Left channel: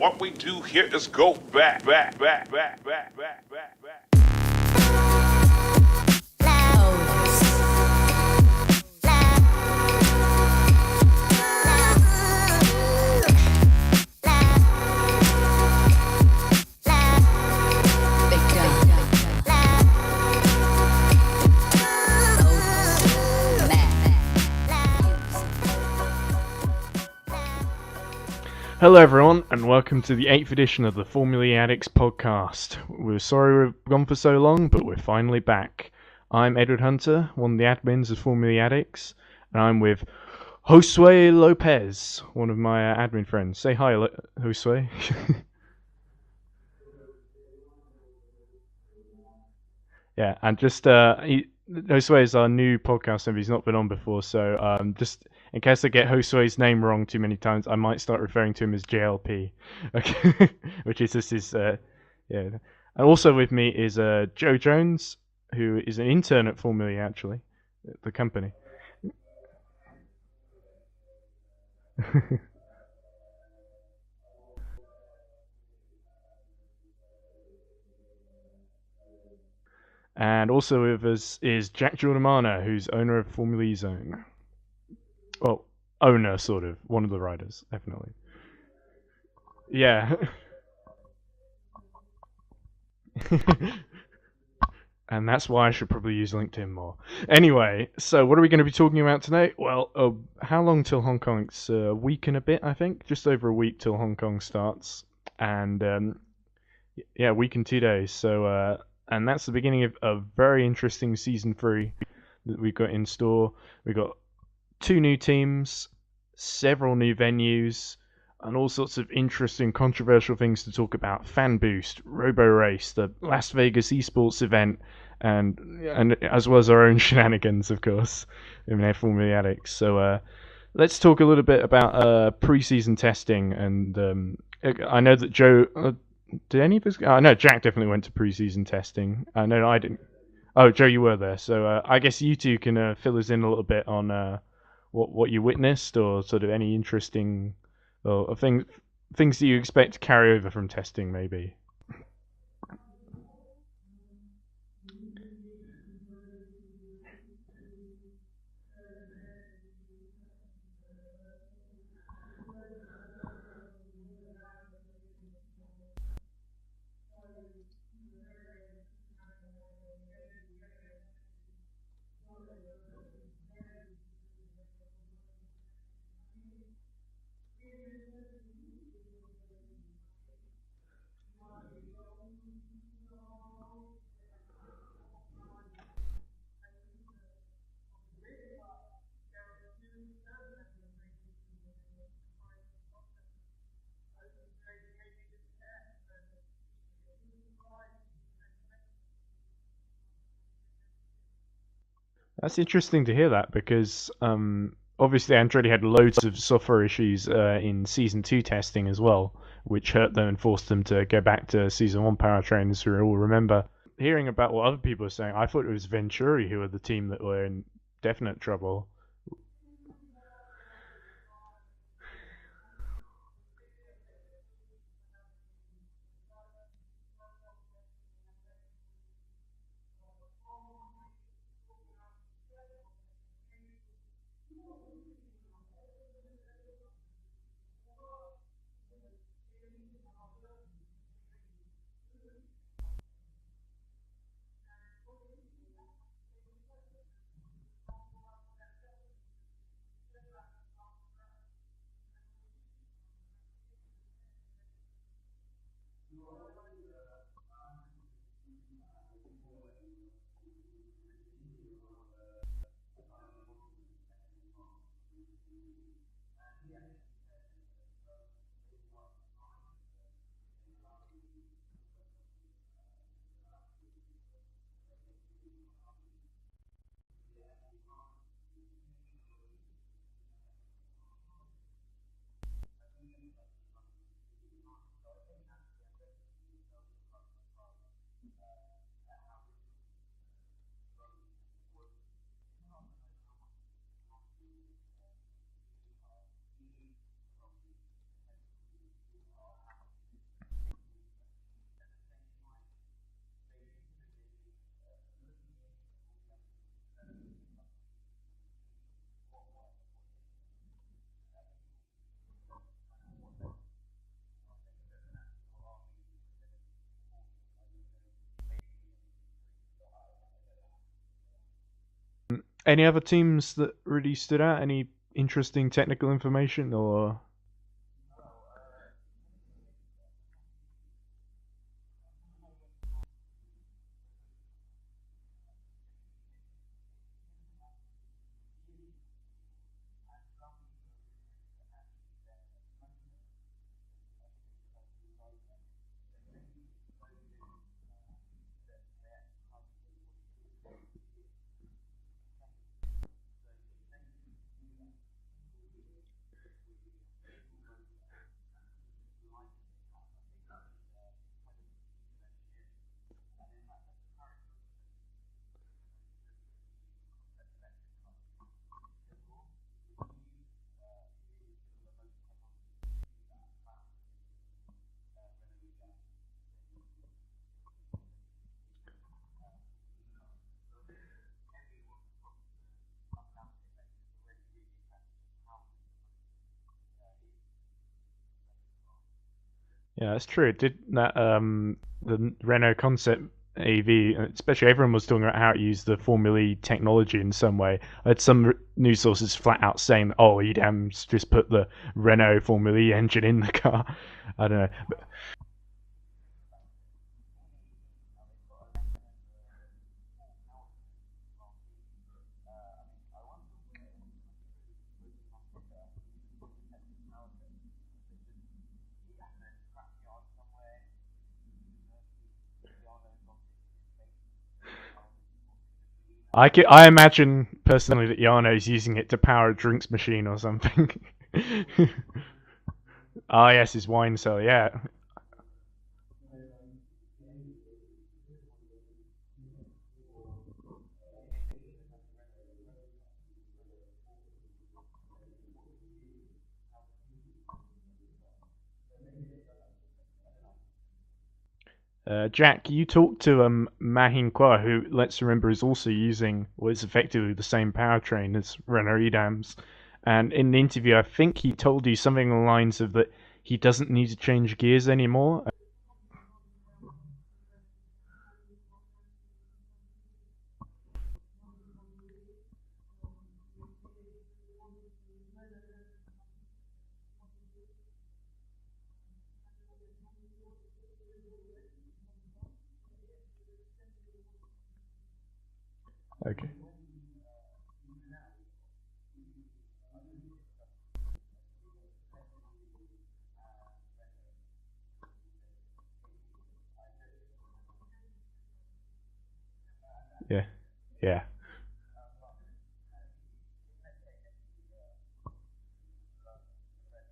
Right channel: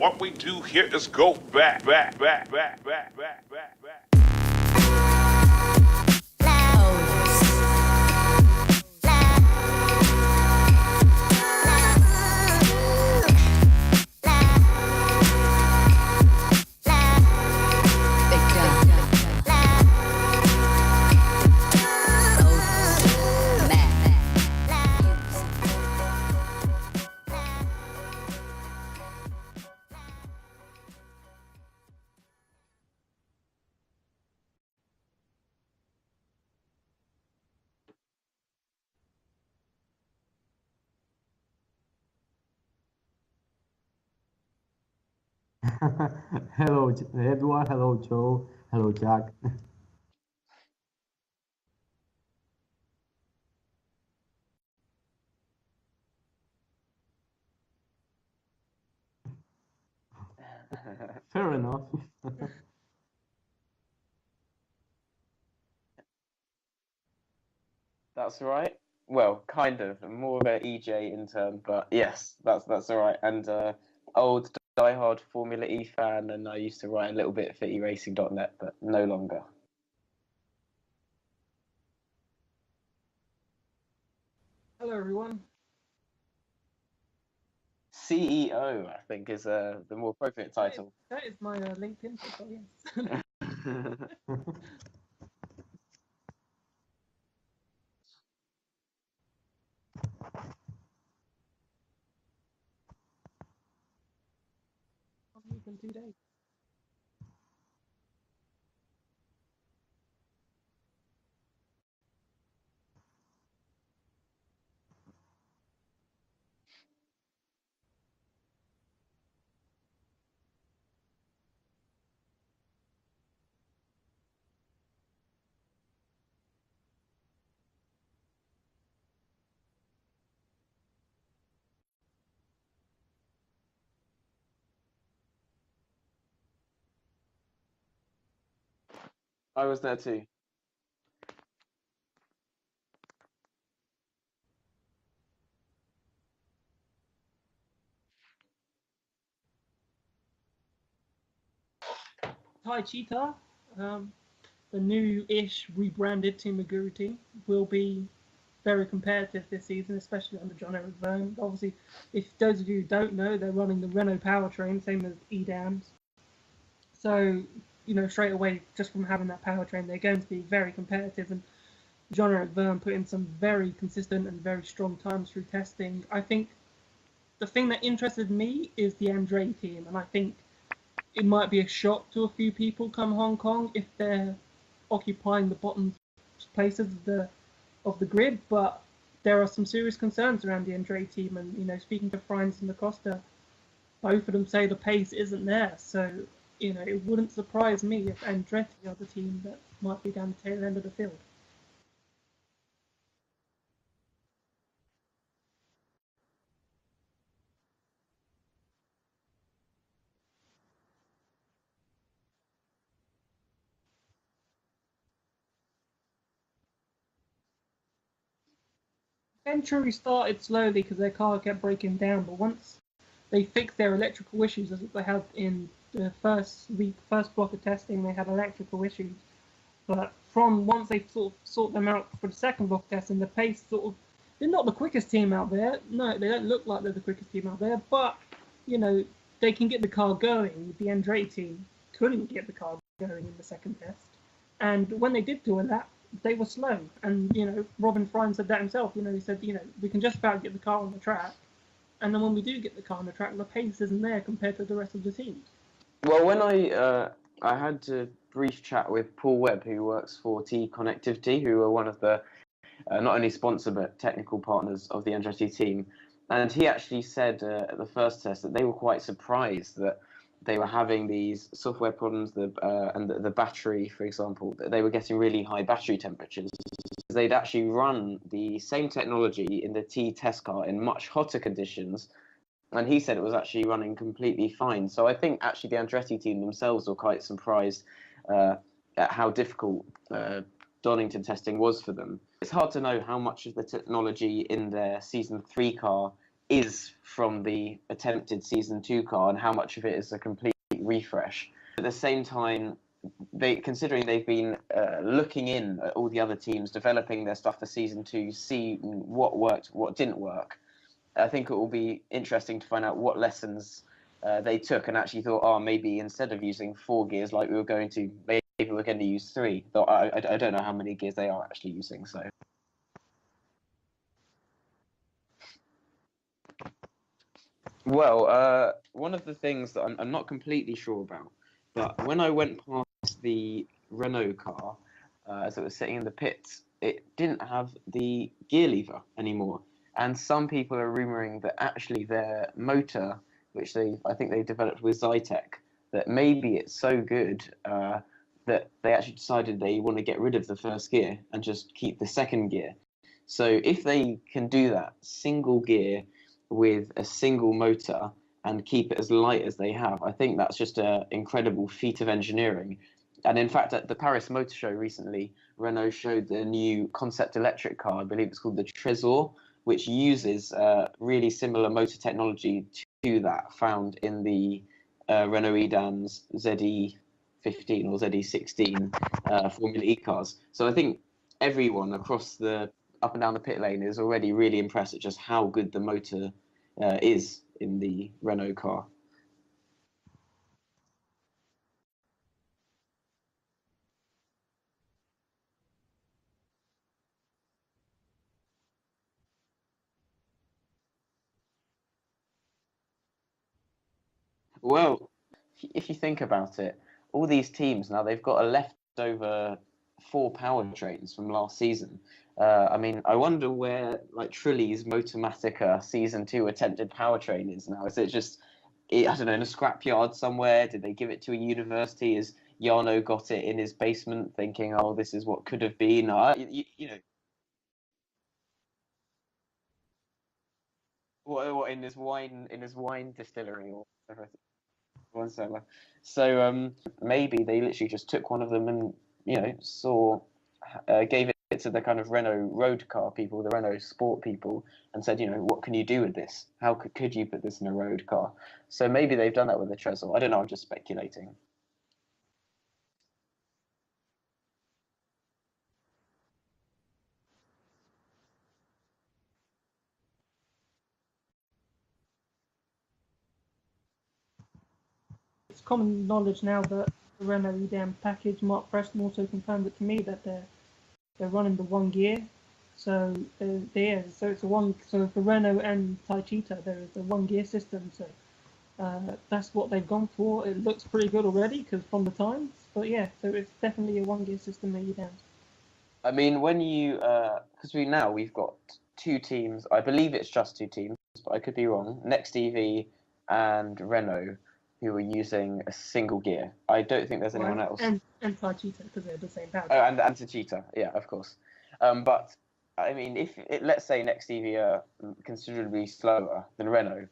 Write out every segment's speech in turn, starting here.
What we do here is go back. Hello everyone, and welcome to the 8th edition of the FE Addicts podcast. We're sorry we've gone for so long, but we're finally back. I'm Edward Hunter, one of the admins of FE Addicts, and I'm with Josue Lopez, one of my admin friends. Say hi, Josue. Hello, Edward. Hello, Joe. Hello, Jack. Yeah, and just Josue is our new podcast member. He's not been on before, so just in case I get Josue's name wrong too many times, I might start referring to him as JLP, okay, which is just his yeah. And also with me is Joe Jones, who is an intern at FE actually, at the company. That's right. Well, kind of. I'm more of an EJ intern, but yes, that's all right. And old diehard Formula E fan, and I used to write a little bit for eracing.net, but no longer. And also with us is Jack Giordmaina, who's owner of Formula E Zone. Hello, everyone. Well, owner, sort of. One of the riders, definitely. CEO, I think, is a yeah. more appropriate title. That is my LinkedIn profile, yes. And that's why I should probably use LinkedIn more. Anyway, so what are we going to be talking about today? Well, how long till Hong Kong? It's a week and a bit, I think. Just over a week till Hong Kong starts. And, yeah, a week and 2 days. So, and that's the beginning of a very interesting Season 3 that we've got in store. We've got 2 new teams, several new venues, and all sorts of interesting, controversial things to talk about. Fan Boost, Robo Race, the Las Vegas esports event, and as well as our own shenanigans, of course, in FE Addicts. So let's talk a little bit about pre-season testing. And I know that Joe, did any of us? I know Jack definitely went to pre-season testing. I know I did. Too. Oh, Joe, you were there. So I guess you two can fill us in a little bit on what you witnessed, or sort of any interesting or things that you expect to carry over from testing, maybe. Hi, Cheetah. The new-ish rebranded Team Maguru team will be very competitive this season, especially under John Eric Verne. Obviously, if those of you who don't know, they're running the Renault powertrain, same as e.dams. So, you know, straight away, just from having that powertrain, they're going to be very competitive. And Jean-Eric Verne put in some very consistent and very strong times through testing. I think the thing that interested me is the Andretti team, and I think it might be a shock to a few people come Hong Kong if they're occupying the bottom places of the grid, but there are some serious concerns around the Andretti team, and, you know, speaking to Franz and Acosta, both of them say the pace isn't there, so, you know, it wouldn't surprise me if Andretti are the team that might be down the tail end of the field. That's interesting to hear that, because obviously Andretti had loads of software issues in Season 2 testing as well, which hurt them and forced them to go back to Season 1 powertrain, as we all remember. Hearing about what other people are saying, I thought it was Venturi who were the team that were in definite trouble. Venturi started slowly because their car kept breaking down, but once they fixed their electrical issues, as they had in the first block of testing, they had electrical issues. But from once they sort of sort them out for the second block testing, the pace sort of, they're not the quickest team out there. No, they don't look like they're the quickest team out there, but, you know, they can get the car going. The Andretti team couldn't get the car going in the second test. And when they did do a lap, they were slow. And, you know, Robin Frein said that himself. You know, he said, you know, we can just about get the car on the track. And then when we do get the car on the track, the pace isn't there compared to the rest of the teams. Well, when I had a brief chat with Paul Webb, who works for T Connectivity, who are one of the not only sponsor but technical partners of the Andretti team, and he actually said at the first test that they were quite surprised that they were having these software problems, and the battery, for example, that they were getting really high battery temperatures. They'd actually run the same technology in the T test car in much hotter conditions, and he said it was actually running completely fine. So I think actually the Andretti team themselves were quite surprised at how difficult Donington testing was for them. It's hard to know how much of the technology in their Season 3 car is from the attempted Season 2 car and how much of it is a complete refresh. At the same time, considering they've been looking in at all the other teams, developing their stuff for Season 2, see what worked, what didn't work, I think it will be interesting to find out what lessons they took and actually thought, oh, maybe instead of using 4 gears like we were going to, maybe we're going to use 3. Though I don't know how many gears they are actually using. So, any other teams that really stood out? Any interesting technical information or? Well, one of the things that I'm not completely sure about, but when I went past the Renault car as it was sitting in the pits, it didn't have the gear lever anymore. And some people are rumouring that actually their motor, which I think they developed with Zytec, that maybe it's so good that they actually decided they want to get rid of the first gear and just keep the second gear. So if they can do that single gear with a single motor and keep it as light as they have, I think that's just an incredible feat of engineering. And in fact, at the Paris Motor Show recently, Renault showed the new concept electric car, I believe it's called the Trésor, which uses really similar motor technology to that found in the Renault e.dams ZE15 or ZE16 Formula E cars. So I think everyone across the up and down the pit lane is already really impressed at just how good the motor is in the Renault car. Yeah, that's true. Did that the Renault concept AV, especially everyone was talking about how it used the Formula E technology in some way. I had some news sources flat out saying, "Oh, e.dams just put the Renault Formula E engine in the car." I don't know. Well, if you think about it, all these teams now they've got a leftover 4 powertrains from last season. I mean, I wonder where like Trulli's Motomatica Season 2 attempted powertrain is now. Is it just, I don't know, in a scrapyard somewhere? Did they give it to a university? Is Jarno got it in his basement thinking, oh, this is what could have been? I imagine personally that Jarno's using it to power a drinks machine or something. What, in his wine distillery? Oh yes, his wine cellar, yeah. Wine cellar. So maybe they literally just took one of them and gave it to the kind of Renault road car people, the Renault sport people, and said, what can you do with this? How could you put this in a road car? So maybe they've done that with the Trésor. I don't know. I'm just speculating. Jack, you talked to Mahin Kwa, who, let's remember, is also using what is effectively the same powertrain as Renault e.dams. And in the interview, I think he told you something along the lines of that he doesn't need to change gears anymore. It's common knowledge now that the Renault e.dam package, Mark Preston also confirmed it to me that they're running the 1 gear. So so it's a one. So for Renault and Taichita, there is a 1 gear system. So that's what they've gone for. It looks pretty good already because from the times. But yeah, so it's definitely a 1 gear system at e.dams. I mean, when you because we've got 2 teams. I believe it's just 2 teams, but I could be wrong. Next EV and Renault, who are using a single gear. I don't think there's anyone else. And Taichita because they're the same power. Oh, and Taichita, yeah, of course. But I mean, let's say Next EV are considerably slower than Renault,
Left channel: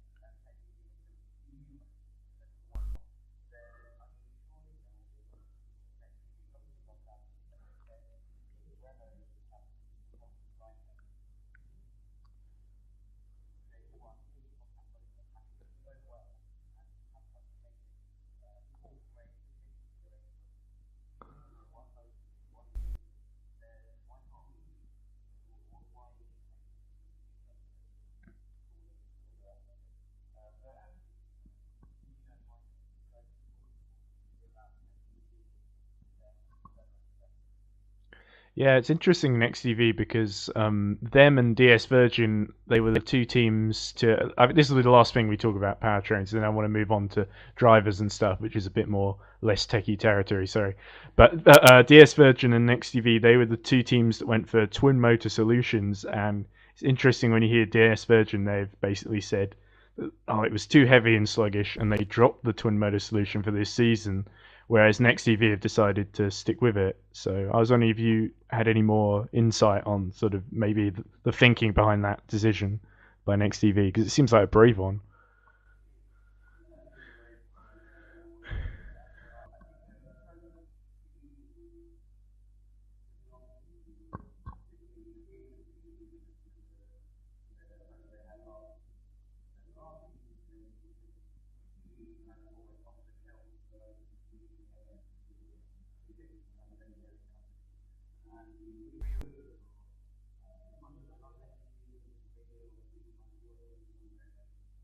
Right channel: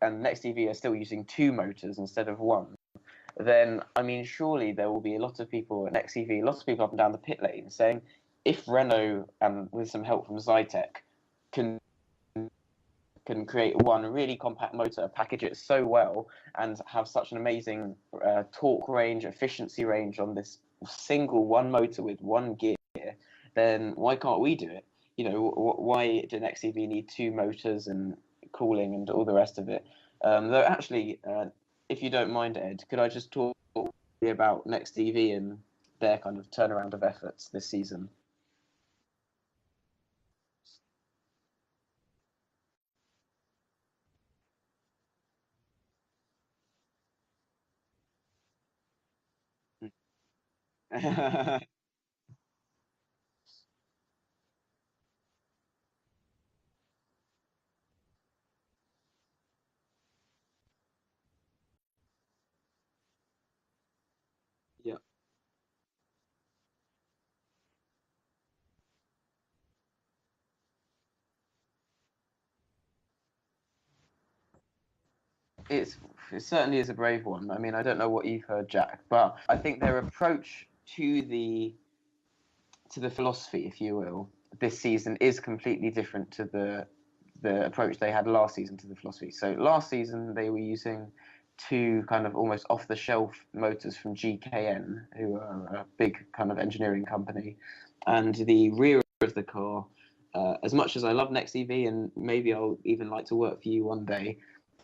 and Next EV are still using 2 motors instead of 1, then I mean, surely there will be a lot of people at Next EV, lots of people up and down the pit lane saying, if Renault, with some help from Zytec, can create one really compact motor, package it so well, and have such an amazing torque range, efficiency range on this single 1 motor with 1 gear, then why can't we do it? Why do Next EV need 2 motors and cooling and all the rest of it? Though actually, if you don't mind, Ed, could I just talk about Next EV and their kind of turnaround of efforts this season? Yeah, it's interesting Next EV because them and DS Virgin, they were the 2 teams to. This will be the last thing we talk about powertrains, and then I want to move on to drivers and stuff, which is a bit more less techie territory. Sorry, but DS Virgin and Next EV, they were the 2 teams that went for twin motor solutions, and it's interesting when you hear DS Virgin, they've basically said, oh, it was too heavy and sluggish, and they dropped the twin motor solution for this season. Whereas Next EV have decided to stick with it. So I was wondering if you had any more insight on sort of maybe the thinking behind that decision by Next EV, because it seems like a brave one. It certainly is a brave one. I mean, I don't know what you've heard, Jack, but I think their approach to the philosophy, if you will, this season is completely different to the approach they had last season to the philosophy. So last season they were using two kind of almost off-the-shelf motors from GKN, who are a big kind of engineering company, and the rear of the car. As much as I love Next EV and maybe I'll even like to work for you one day,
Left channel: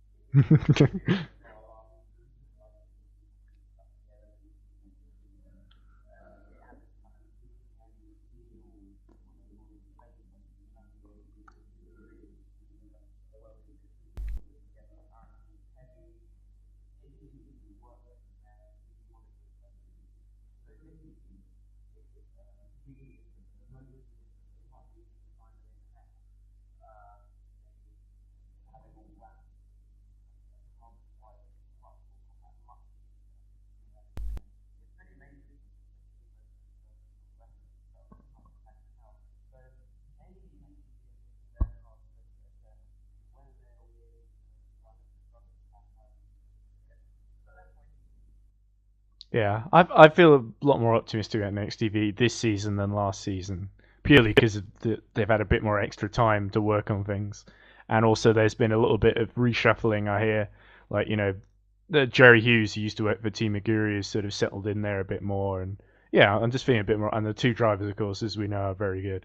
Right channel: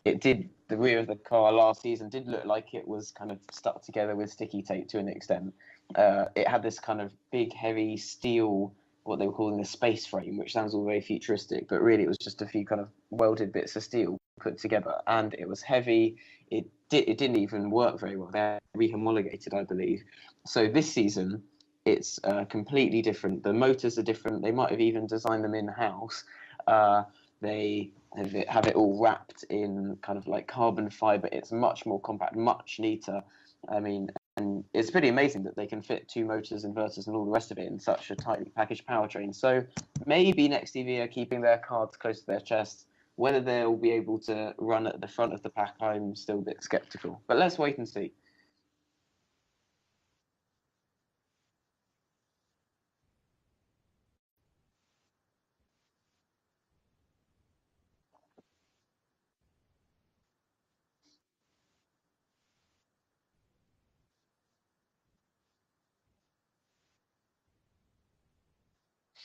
the rear of the car last season did look like it was kind of stuck together with sticky tape to an extent. It had this kind of big, heavy steel, what they were calling a space frame, which sounds all very futuristic, but really it was just a few kind of welded bits of steel put together, and it was heavy. It didn't even work very well. They're rehomologated, I believe. So this season, it's completely different. The motors are different. They might have even designed them in-house. They have it all wrapped in kind of like carbon fiber. It's much more compact, much neater. I mean, and it's pretty amazing that they can fit two motors, inverters, and all the rest of it in such a tightly packaged powertrain. So maybe Next EV are keeping their cards close to their chest. Whether they'll be able to run at the front of the pack, I'm still a bit skeptical. But let's wait and see. Yeah, I feel a lot more optimistic about Next TV this season than last season, purely because they've had a bit more extra time to work on things, and also there's been a little bit of reshuffling. I hear, like Jerry Hughes, who used to work for Team Aguri, has sort of settled in there a bit more, and yeah, I'm just feeling a bit more. And the two drivers, of course, as we know, are very good.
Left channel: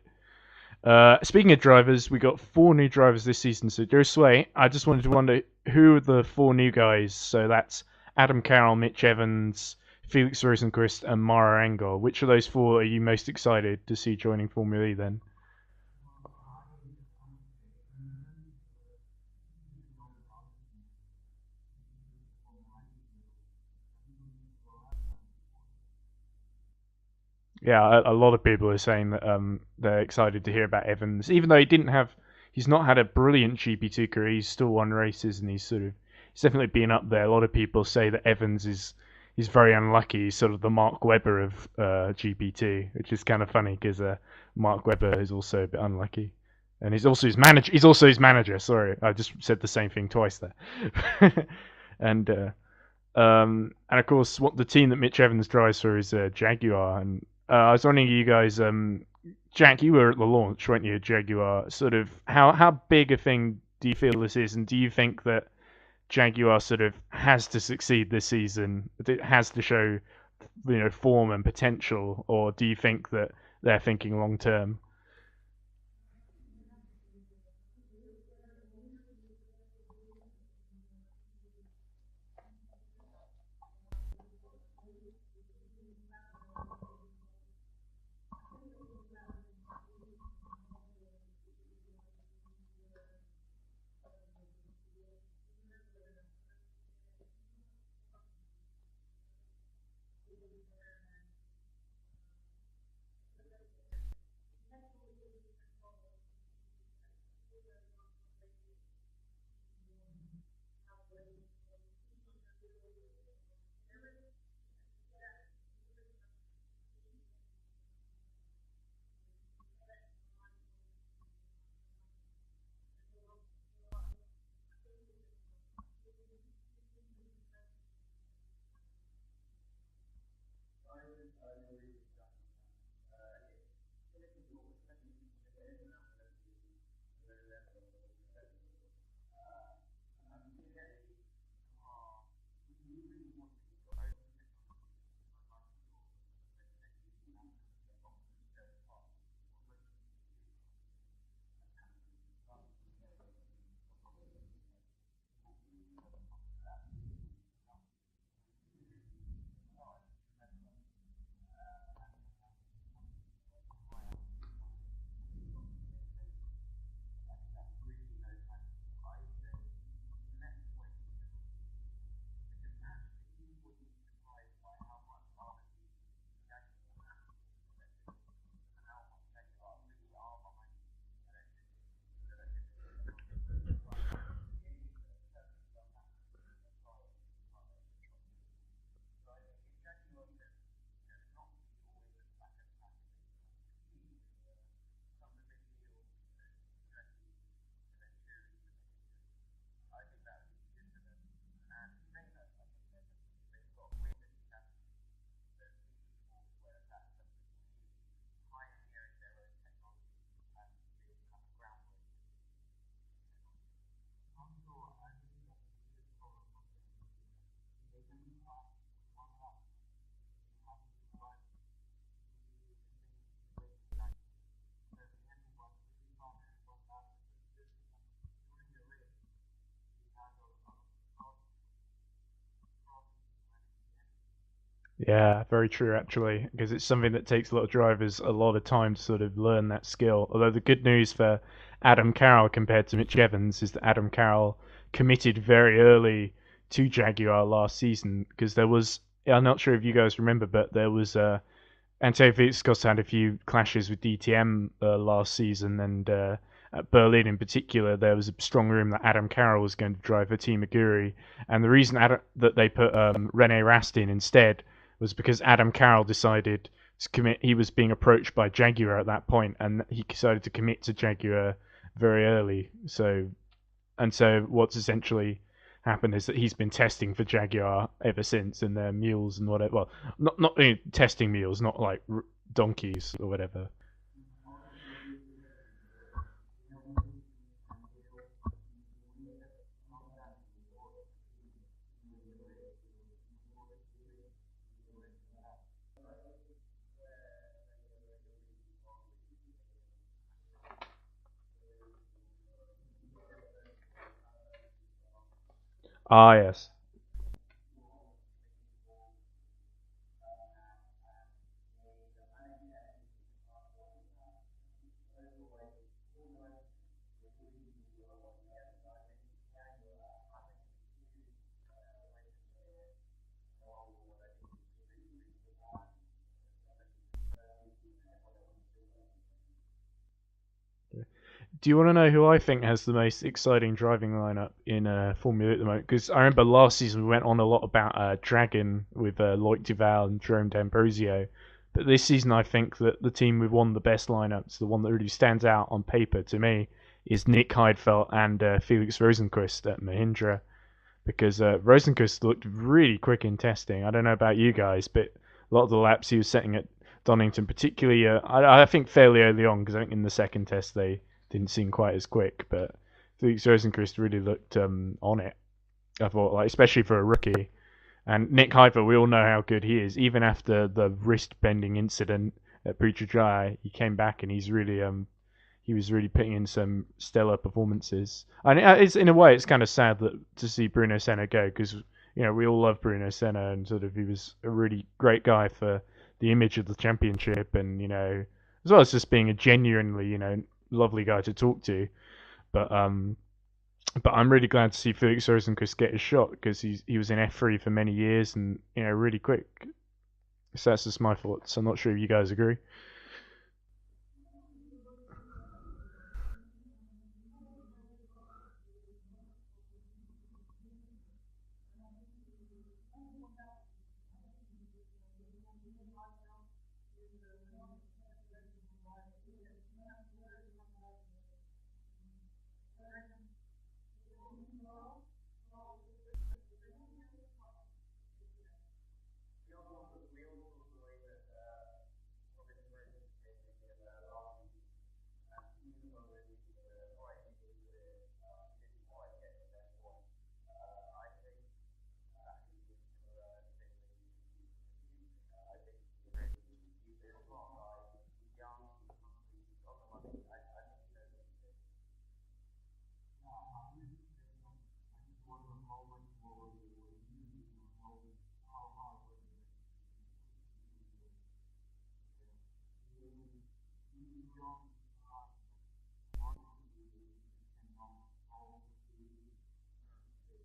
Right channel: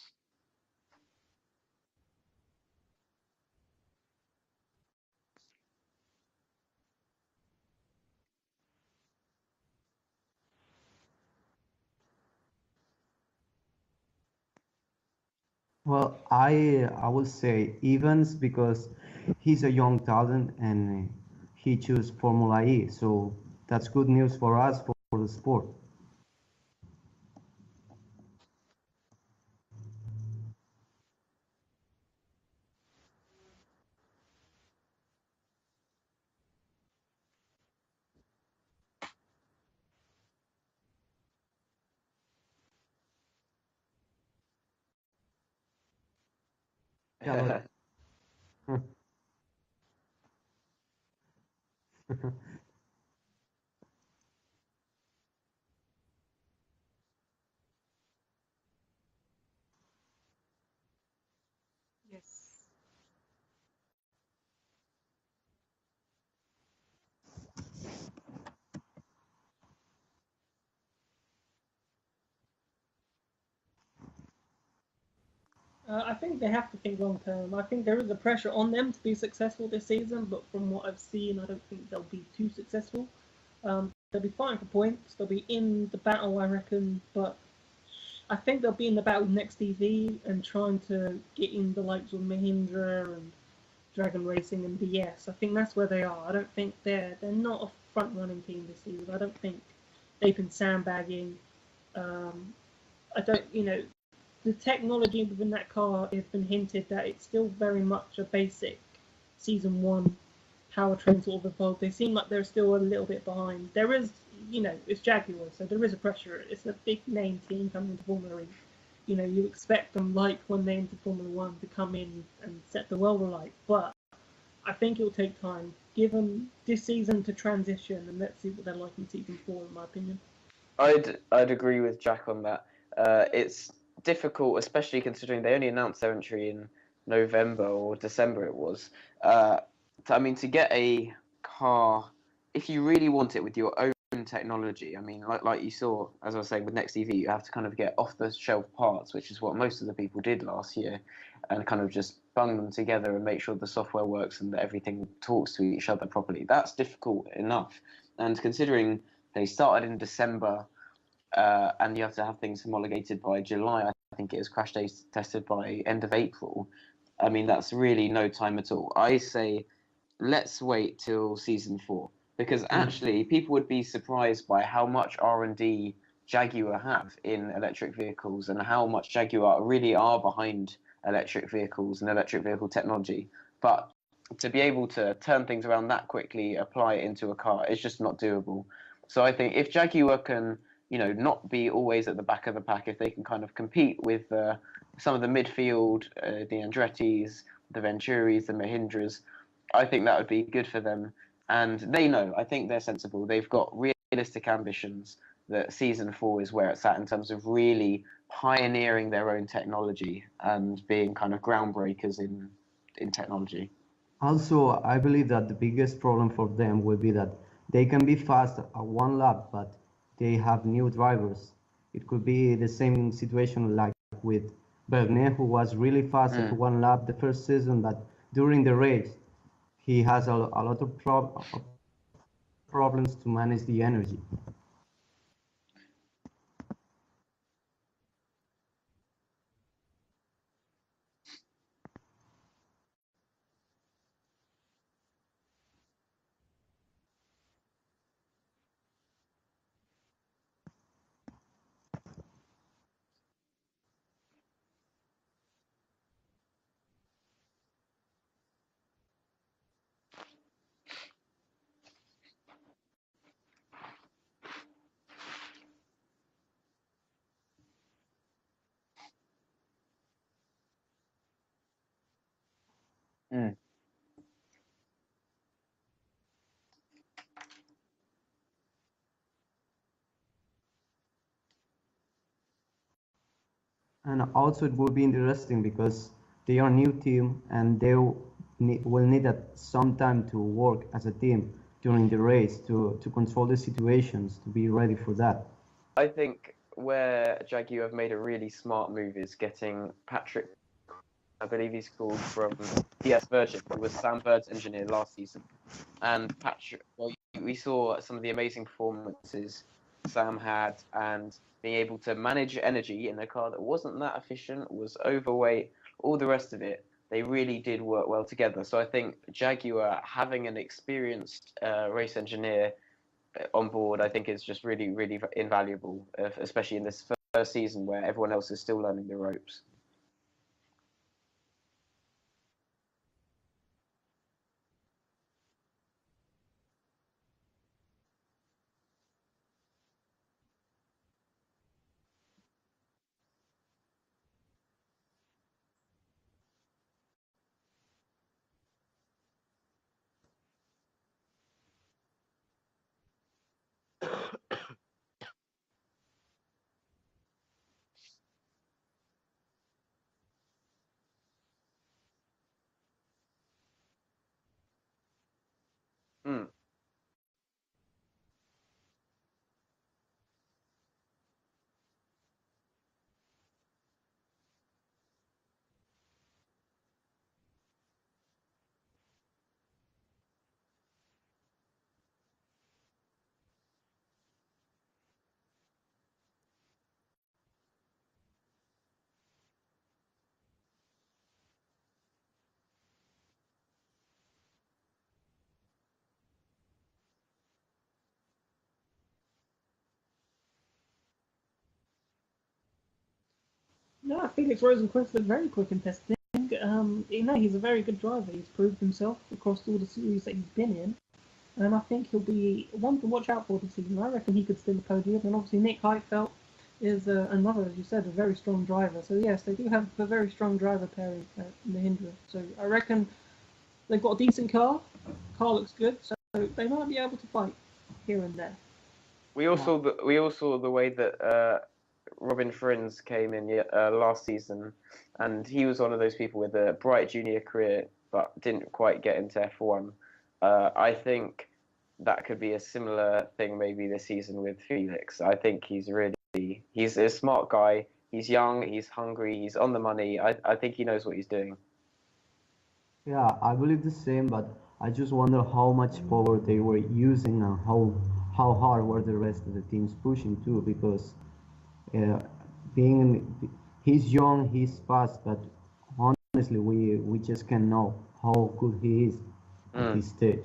Speaking of drivers, we got 4 new drivers this season. So, Josue, I just wanted to wonder who are the 4 new guys. So that's Adam Carroll, Mitch Evans, Felix Rosenquist, and Mara Engel. Which of those 4 are you most excited to see joining Formula E then? Well, I would say Evans because he's a young talent and he chose Formula E, so that's good news for us for the sport. Yeah, a lot of people are saying that they're excited to hear about Evans, even though he's not had a brilliant GP2 career. He's still won races, and he's definitely been up there. A lot of people say that Evans he's very unlucky. He's sort of the Mark Webber of GP2, which is kind of funny because Mark Webber is also a bit unlucky, and he's also his manager. He's also his manager. Sorry, I just said the same thing twice there. and of course, what the team that Mitch Evans drives for is Jaguar, and I was wondering, you guys, Jack, you were at the launch, weren't you, Jaguar? Sort of, how big a thing do you feel this is, and do you think that Jaguar sort of has to succeed this season? It has to show, form and potential, or do you think that they're thinking long term? I think they have to think long term. I think there is a pressure on them to be successful this season, but from what I've seen, I don't think they'll be too successful. They'll be fighting for points. They'll be in the battle, I reckon. But I think they'll be in the battle with Next TV and trying to get in the likes of Mahindra and Dragon Racing and BS. I think that's where they are. I don't think they're not a front running team this season. I don't think they've been sandbagging. I don't, the technology within that car has been hinted that it's still very much a basic season 1 powertrain sort of evolved. They seem like they're still a little bit behind. There is, it's Jaguar, so there is a pressure. It's a big name team coming into Formula E. You expect them, like when they entered Formula 1, to come in and set the world alight. But I think it will take time. Give them this season to transition, and let's see what they're like in season 4, in my opinion. I'd agree with Jack on that. It's difficult, especially considering they only announced their entry in November or December it was. To get a car, if you really want it with your own technology, like you saw, as I was saying with Next EV, you have to kind of get off-the-shelf parts, which is what most of the people did last year, and kind of just bung them together and make sure the software works and that everything talks to each other properly. That's difficult enough. And considering they started in December, and you have to have things homologated by July, I think it is crash tested by end of April. That's really no time at all. I say let's wait till season 4, because actually people would be surprised by how much R&D Jaguar have in electric vehicles and how much Jaguar really are behind electric vehicles and electric vehicle technology. But to be able to turn things around that quickly, apply it into a car, it's just not doable. So I think if Jaguar can, not be always at the back of the pack, if they can kind of compete with some of the midfield, the Andrettis, the Venturis, the Mahindras, I think that would be good for them. And they know, I think they're sensible. They've got realistic ambitions that season 4 is where it's at in terms of really pioneering their own technology and being kind of groundbreakers in technology. Also, I believe that the biggest problem for them will be that they can be fast at one lap, but they have new drivers. It could be the same situation like with Bernet, who was really fast at one lap the first season, but during the race, he has a lot of problems to manage the energy. Yeah, very true actually, because it's something that takes a lot of drivers a lot of time to sort of learn that skill. Although the good news for Adam Carroll compared to Mitch Evans is that Adam Carroll committed very early to Jaguar last season because there was, I'm not sure if you guys remember, but there was Antonio Felix had a few clashes with DTM last season, and at Berlin in particular, there was a strong rumour that Adam Carroll was going to drive for Team Aguri, and the reason that they put Rene Rast in instead was because Adam Carroll decided to commit. He was being approached by Jaguar at that point, and he decided to commit to Jaguar very early. So, and so what's essentially happened is that he's been testing for Jaguar ever since, and their mules and whatever. Well, not testing mules, not like donkeys or whatever. And also, it will be interesting because they are a new team and they will need some time to work as a team during the race to control the situations, to be ready for that. I think where Jaguar have made a really smart move is getting Patrick, I believe he's called, from DS Virgin, who was Sam Bird's engineer last season. And yes. Patrick, well, we saw some of the amazing performances Sam had, and being able to manage energy in a car that wasn't that efficient, was overweight, all the rest of it. They really did work well together. So I think Jaguar having an experienced race engineer on board, I think is just really, really invaluable, especially in this first season where everyone else is still learning the ropes. Do you want to know who I think has the most exciting driving lineup in Formula 8 at the moment? Because I remember last season we went on a lot about Dragon with Loic Duval and Jerome D'Ambrosio. But this season I think that the team with one of the best lineups, the one that really stands out on paper to me, is Nick Heidfeld and Felix Rosenqvist at Mahindra. Because Rosenqvist looked really quick in testing. I don't know about you guys, but a lot of the laps he was setting at Donington, particularly, I think fairly early on, because I think in the second test they didn't seem quite as quick, but Felix Rosenqvist really looked on it. I thought, like, especially for a rookie. And Nick Heidfeld, we all know how good he is. Even after the wrist bending incident at Putrajaya, he came back and he was really putting in some stellar performances. And it's in a way it's kind of sad to see Bruno Senna go, because we all love Bruno Senna, and sort of he was a really great guy for the image of the championship, and as well as just being a genuinely lovely guy to talk to. But I'm really glad to see Felix Rosenqvist get his shot, because he was in F3 for many years and really quick. So that's just my thoughts. I'm not sure if you guys agree. No, Felix Rosenqvist was very quick in testing. He's a very good driver. He's proved himself across all the series that he's been in, and I think he'll be one to watch out for this season. I reckon he could steal the podium, and obviously Nick Heidfeld is another, as you said, a very strong driver. So yes, they do have a very strong driver pairing at Mahindra. So I reckon they've got a decent car. Car looks good, so they might be able to fight here and there. We all saw the way that Robin Frins came in last season, and he was one of those people with a bright junior career but didn't quite get into F1. I think that could be a similar thing maybe this season with Felix. I think he's a smart guy. He's young, he's hungry, he's on the money. I think he knows what he's doing. Yeah, I believe the same, but I just wonder how much power they were using and how hard were the rest of the teams pushing too, because he's young, he's fast, but honestly, we just can't know how good he is at this stage.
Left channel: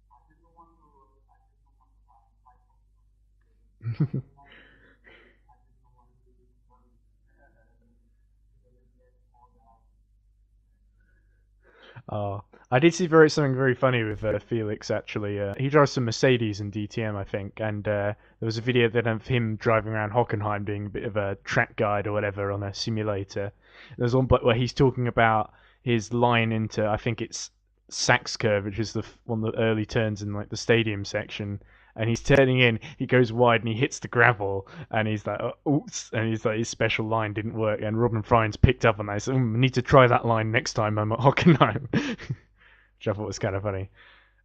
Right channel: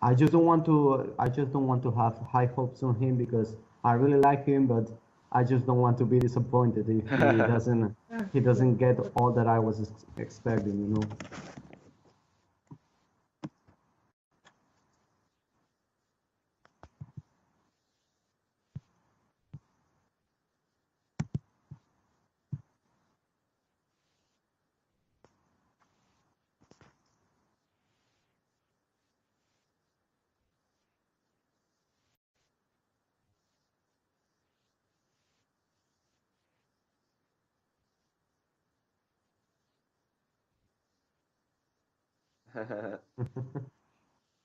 I just don't want to have high hopes on him, because I really like him, but I just don't want to be disappointed if he doesn't get all that I was expecting. I did see something very funny with Felix, actually. He drives some Mercedes in DTM, I think, and there was a video then of him driving around Hockenheim doing a bit of a track guide or whatever on a simulator. There's one where he's talking about his line into, I think it's Sachs Curve, which is one of the early turns in like the stadium section, and he's turning in. He goes wide and he hits the gravel, and he's like, oops, and he's like, his special line didn't work. And Robin Fry's picked up on that. So I need to try that line next time I'm at Hockenheim, which I thought was kind of funny.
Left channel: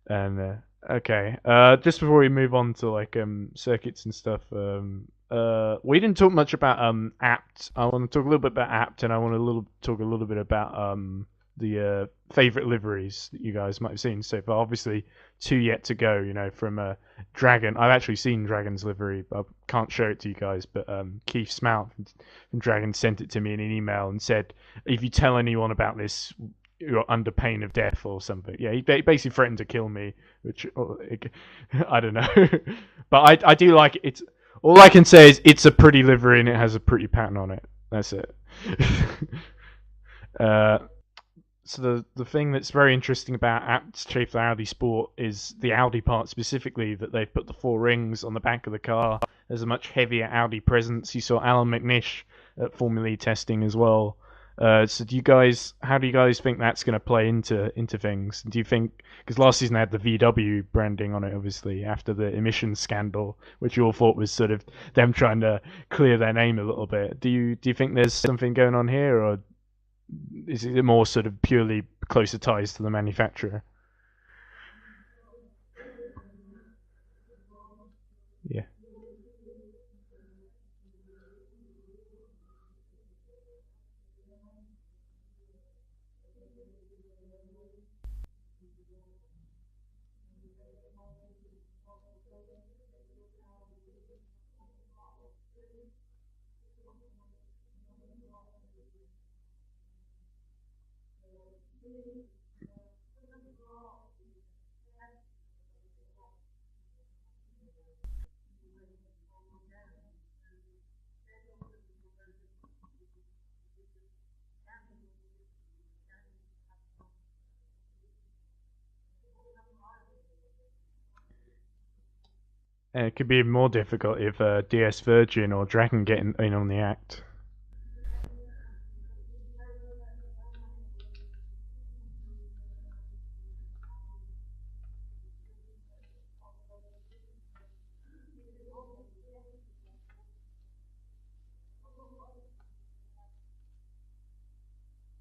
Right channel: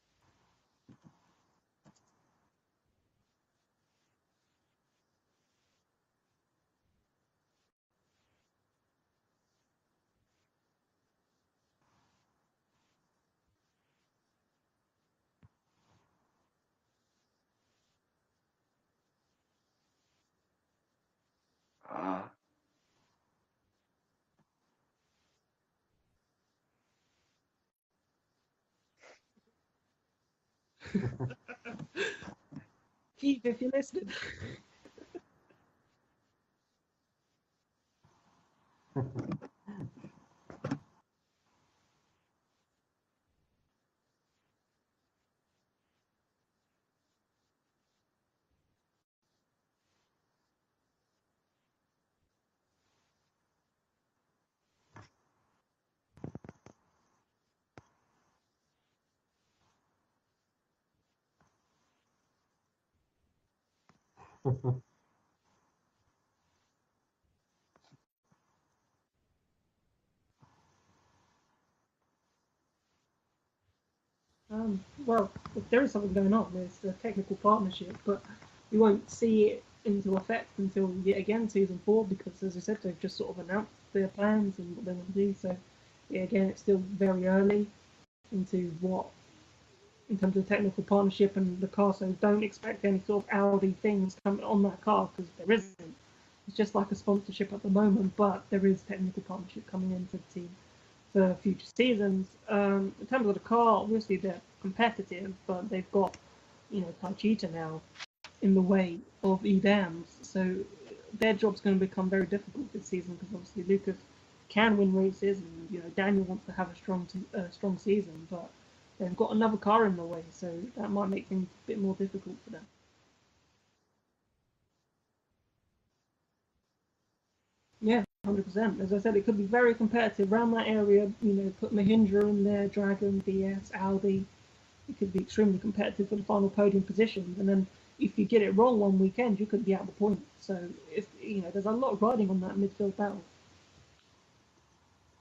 And okay, just before we move on to like circuits and stuff, we didn't talk much about apt. I want to talk a little bit about apt, and I want to talk a little bit about the favorite liveries that you guys might have seen so far. Obviously, 2 yet to go. You know, from Dragon. I've actually seen Dragon's livery. I can't show it to you guys, but Keith Smout from Dragon sent it to me in an email and said, if you tell anyone about this, you're under pain of death or something. Yeah, he basically threatened to kill me, which I don't know. But I do like it. It's, all I can say is it's a pretty livery and it has a pretty pattern on it. That's it. So the thing that's very interesting about Apt's Schaeffler Audi Sport is the Audi part specifically, that they've put the 4 rings on the back of the car. There's a much heavier Audi presence. You saw Alan McNish at Formula E testing as well. So how do you guys think that's going to play into things? Do you think, because last season they had the VW branding on it, obviously, after the emissions scandal, which you all thought was sort of them trying to clear their name a little bit. Do you think there's something going on here, or is it more sort of purely closer ties to the manufacturer? Well, if there is something going on, there's a technical partnership, but Yeah. you won't see it into effect until yet again season 4, because as I said, they've just sort of announced their plans and what they want to do. So yeah, again, it's still very early into in terms of technical partnership and the car. So don't expect any sort of Audi things coming on that car, because there isn't. It's just like a sponsorship at the moment, but there is technical partnership coming into the team for future seasons. In terms of the car, obviously they're competitive, but they've got, Taichita now in the way of e.dams, so their job's going to become very difficult this season, because obviously Lucas can win races, and Daniel wants to have a strong season, but they've got another car in the way, so that might make things a bit more difficult for them. And it could be more difficult if DS Virgin or Dragon get in on the act. Yeah, 100%. As I said, it could be very competitive around that area. Put Mahindra in there, Dragon, DS, Audi. It could be extremely competitive for the final podium positions. And then if you get it wrong one weekend, you could be out the point. So there's a lot riding on that midfield battle.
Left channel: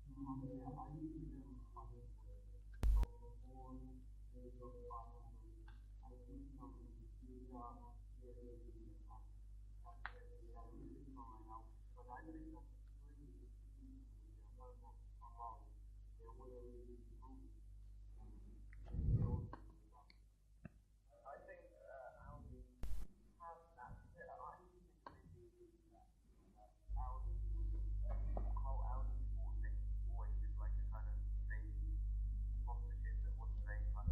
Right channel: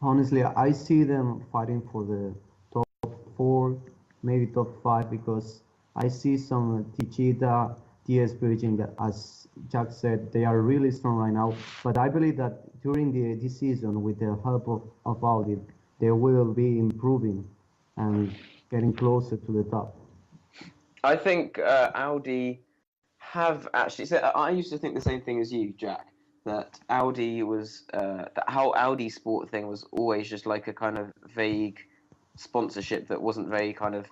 Honestly, I see them fighting for the top 4, maybe top 5, because I see some Tichita, TS Virgin that, as Jack said, they are really strong right now. But I believe that during this season, with the help of Audi, they will be improving and getting closer to the top. I think Audi have actually. So I used to think the same thing as you, Jack. That Audi was that whole Audi Sport thing was always just like a kind of vague sponsorship that wasn't very kind of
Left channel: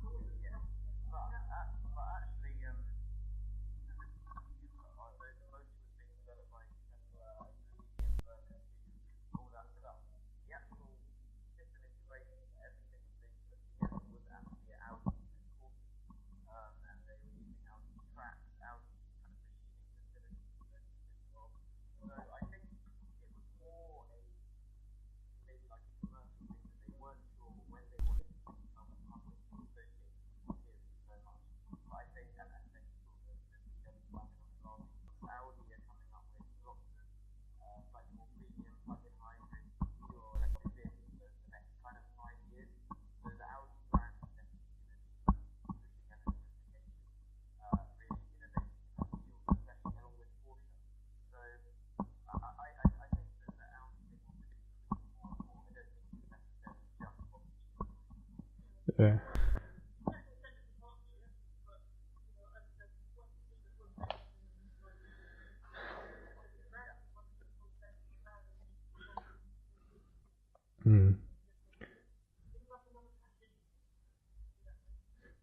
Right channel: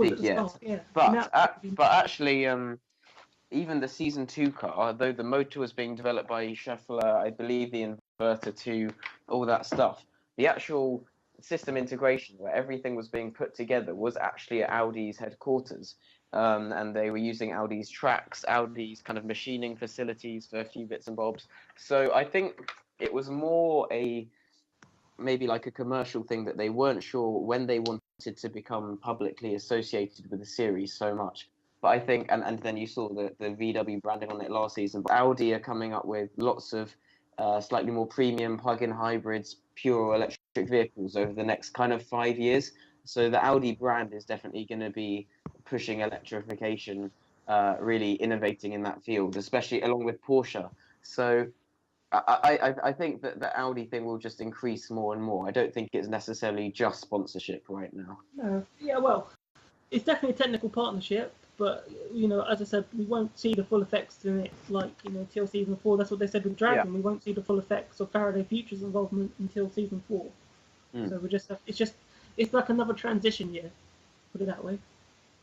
big yet. Yeah. But actually, even the season 2 car, though the motor was being developed by Schaeffler, I believe the inverter too, all that stuff, the actual system integration where everything was being put together was actually at Audi's headquarters. And they were using Audi's tracks, Audi's kind of machining facilities for a few bits and bobs. So I think it was more maybe like a commercial thing that they weren't sure when they wanted to become publicly associated with the series so much. But I think, and then you saw the VW branding on it last season, but Audi are coming up with lots of slightly more premium plug-in hybrids, pure electric vehicles over the next kind of 5 years. So the Audi brand is definitely going to be pushing electrification, really innovating in that field, especially along with Porsche. So I think that the Audi thing will just increase more and more. I don't think it's necessarily just sponsorship right now. Well, it's definitely a technical partnership, but as I said, we won't see the full effects in it till season 4. That's what they said with Dragon. Yeah. We won't see the full effects of Faraday Future's involvement until season 4. So it's like another transition year, put it that way.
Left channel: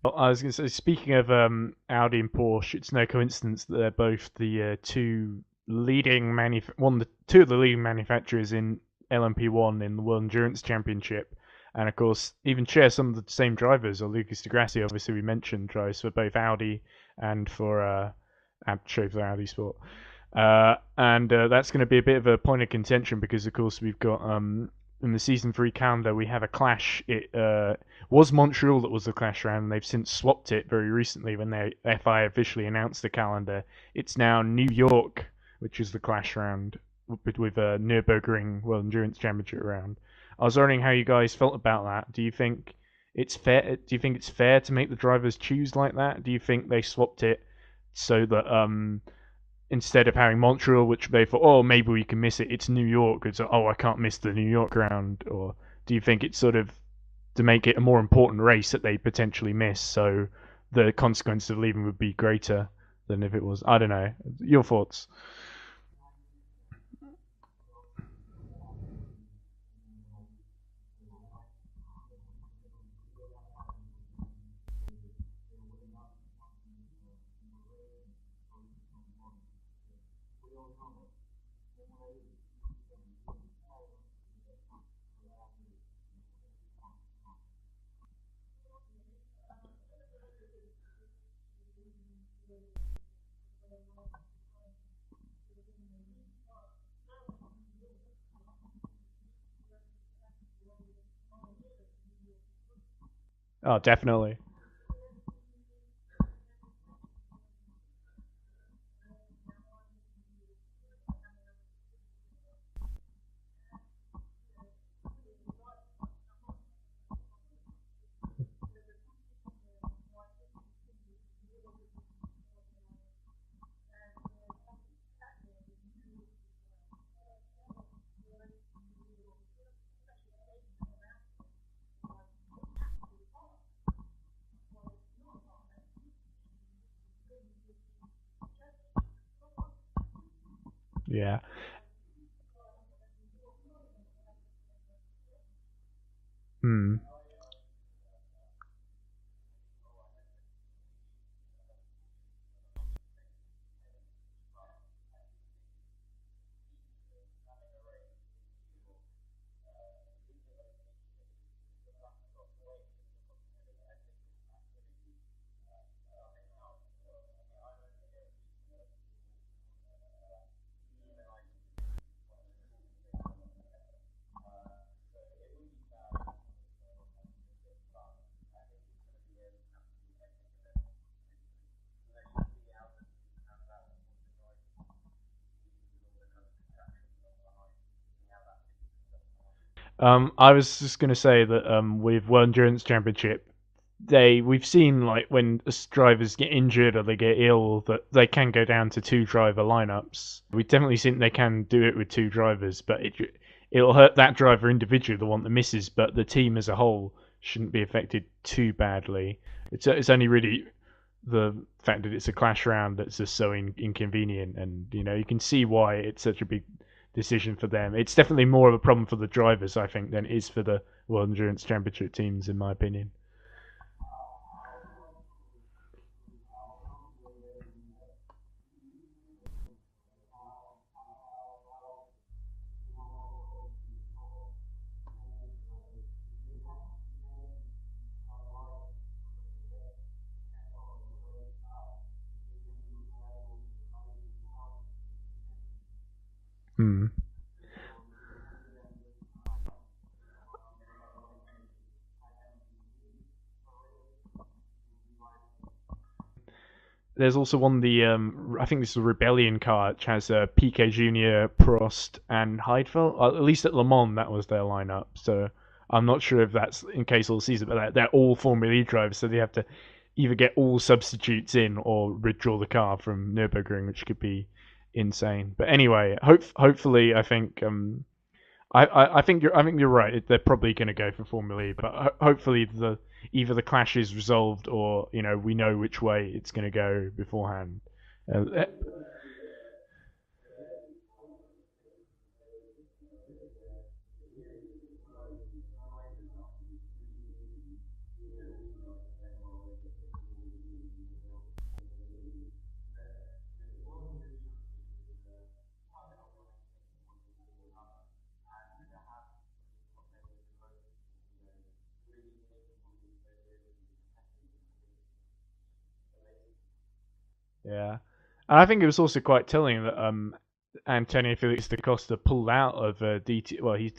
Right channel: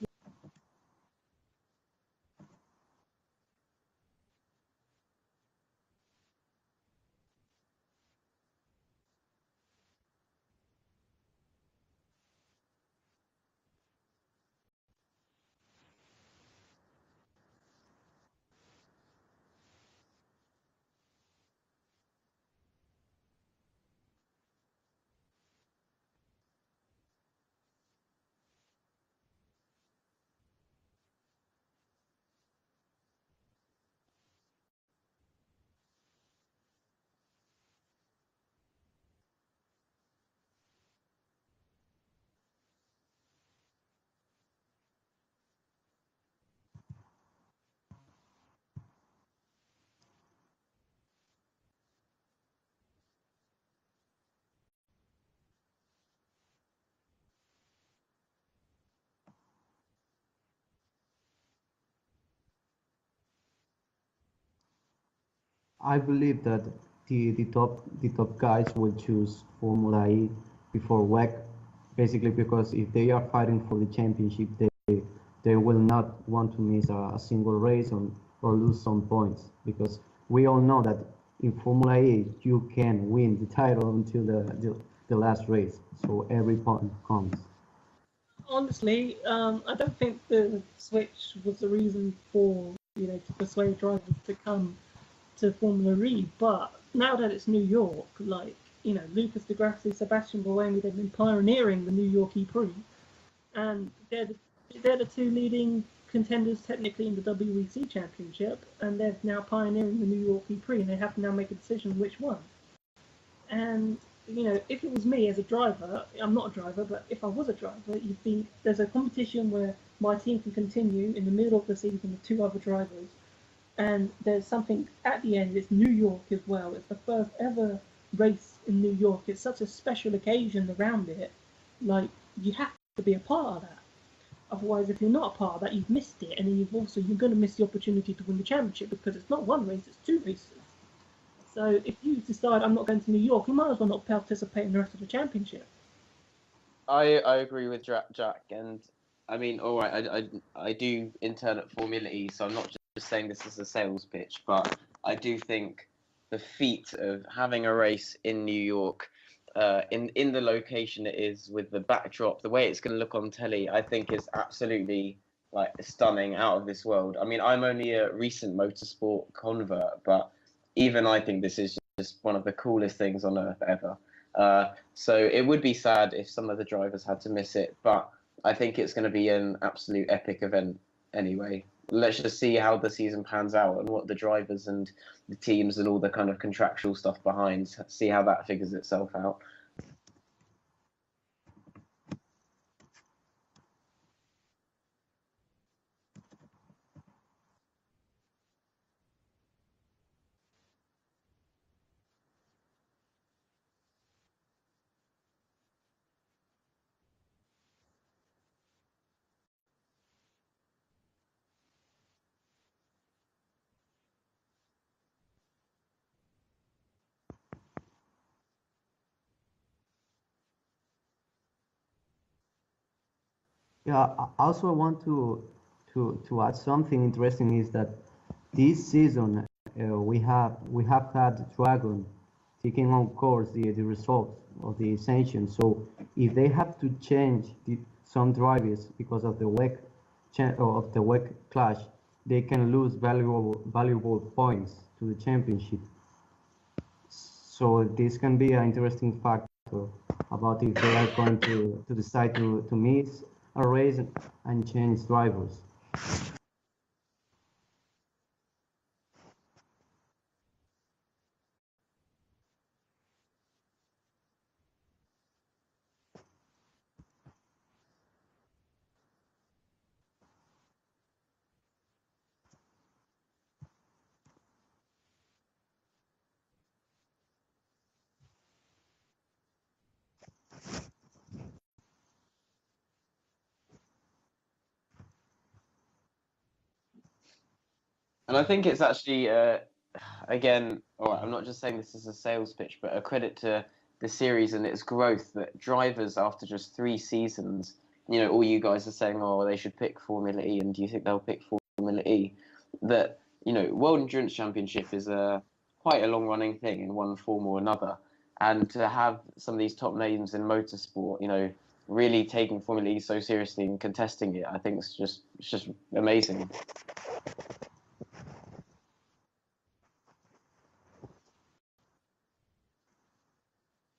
Well, I was going to say, speaking of Audi and Porsche, it's no coincidence that they're both the two of the leading manufacturers in LMP1 in the World Endurance Championship, and of course even share some of the same drivers. Or Lucas Di Grassi, obviously we mentioned, drives for both Audi and for Schaeffler Audi Sport, and that's going to be a bit of a point of contention, because of course we've got in the season 3 calendar we have a clash was Montreal that was the clash round, and they've since swapped it very recently when the FI officially announced the calendar. It's now New York, which is the clash round with a Nürburgring World Endurance Championship round. I was wondering how you guys felt about that. Do you think it's fair? Do you think it's fair to make the drivers choose like that? Do you think they swapped it so that instead of having Montreal, which they thought, oh, maybe we can miss it, it's New York. It's oh, I can't miss the New York round. Or do you think it's sort of to make it a more important race that they potentially miss, so the consequence of leaving would be greater than if it was? I don't know. Your thoughts? I believe that the top guys will choose Formula E before WEC, basically because if they are fighting for the championship, they will not want to miss a single race or lose some points, because we all know that in Formula E you can win the title until the last race, so every point counts. Honestly, I don't think the switch was the reason for to persuade drivers to come to Formula E. But now that it's New York, like Lucas Di Grassi, Sebastian Buemi, they've been pioneering the New York E-Prix. Oh, definitely. They're the two leading contenders technically in the WEC Championship, and they're now pioneering the New York E-Prix, and they have to now make a decision which one. And if it was me as a driver, I'm not a driver, but if I was a driver, there's a competition where my team can continue in the middle of the season with two other drivers, and there's something at the end. It's New York as well. It's the first ever race in New York. It's such a special occasion around it. Like, you have to be a part of that. Otherwise, if you're not a part of that, you've missed it, and then you're going to miss the opportunity to win the championship, because it's not one race, it's two races. Yeah. So if you decide I'm not going to New York, you might as well not participate in the rest of the championship. I agree with Jack, and I mean, all right, I do intern at Formula E, so I'm not just saying this as a sales pitch, but I do think the feat of having a race in New York, in the location it is, with the backdrop, the way it's going to look on telly, I think is absolutely like stunning, out of this world. I mean, I'm only a recent motorsport convert, but even I think this is just one of the coolest things on earth ever. So it would be sad if some of the drivers had to miss it, but I think it's going to be an absolute epic event anyway. Let's just see how the season pans out and what the drivers and the teams and all the kind of contractual stuff behind, see how that figures itself out. I was just going to say that with World Endurance Championship, we've seen like when drivers get injured or they get ill that they can go down to two driver lineups. We've definitely seen they can do it with two drivers, but it'll hurt that driver individually, the one that misses, but the team as a whole shouldn't be affected too badly. It's only really the fact that it's a clash round that's just so inconvenient, and you can see why it's such a big decision for them. It's definitely more of a problem for the drivers, I think, than it is for the World Endurance Championship teams, in my opinion. Yeah, I also want to add something interesting, is that this season we have had Dragon taking on course the results of the sanctions. So if they have to change some drivers because of the WEC clash, they can lose valuable points to the championship. So this can be an interesting factor about if they are going to decide to miss a race and change drivers. There's also one, I think this is a Rebellion car, which has Piquet Jr., Prost, and Heidfeld. At least at Le Mans, that was their lineup. So I'm not sure if that's in case all season, but they're all Formula E drivers, so they have to either get all substitutes in or withdraw the car from Nürburgring, which could be insane. But anyway, hopefully, I think I think you're right. They're probably going to go for Formula E, but hopefully either the clash is resolved or we know which way it's going to go beforehand. And I think it's actually again, all right, I'm not just saying this as a sales pitch, but a credit to the series and its growth, that drivers after just 3 seasons, all you guys are saying, oh, they should pick Formula E, and do you think they'll pick Formula E? That World Endurance Championship is quite a long-running thing in one form or another, and to have some of these top names in motorsport, really taking Formula E so seriously and contesting it, I think it's just amazing. Yeah, and I think it was also quite telling that Antonio Felix da Costa pulled out of DT. Well, he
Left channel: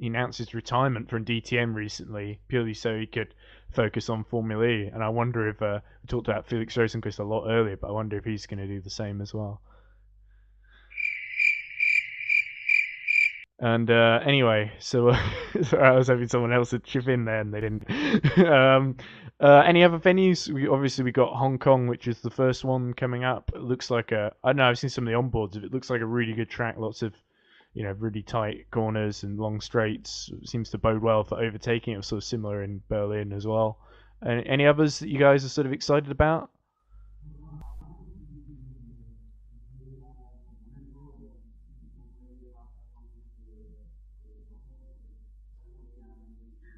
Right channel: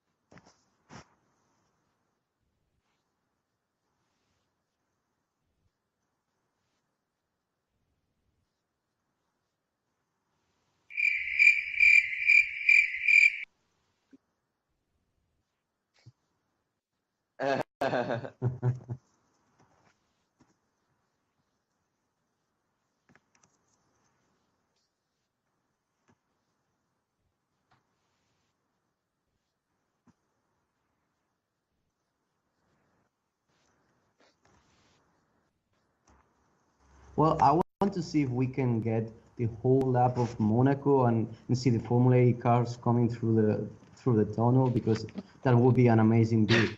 announced his retirement from DTM recently, purely so he could focus on Formula E. And I wonder if we talked about Felix Rosenqvist a lot earlier, but I wonder if he's going to do the same as well. And anyway, so sorry, I was hoping someone else would chip in there, and they didn't. Any other venues? We got Hong Kong, which is the first one coming up. It looks like I don't know. I've seen some of the onboards of it. It looks like a really good track. Lots of really tight corners and long straights. It seems to bode well for overtaking. It was sort of similar in Berlin as well. Any others that you guys are sort of excited about? Well, I want to see if we can get the whole lap of Monaco and see the Formula E cars coming through the tunnel, because that would be an amazing view.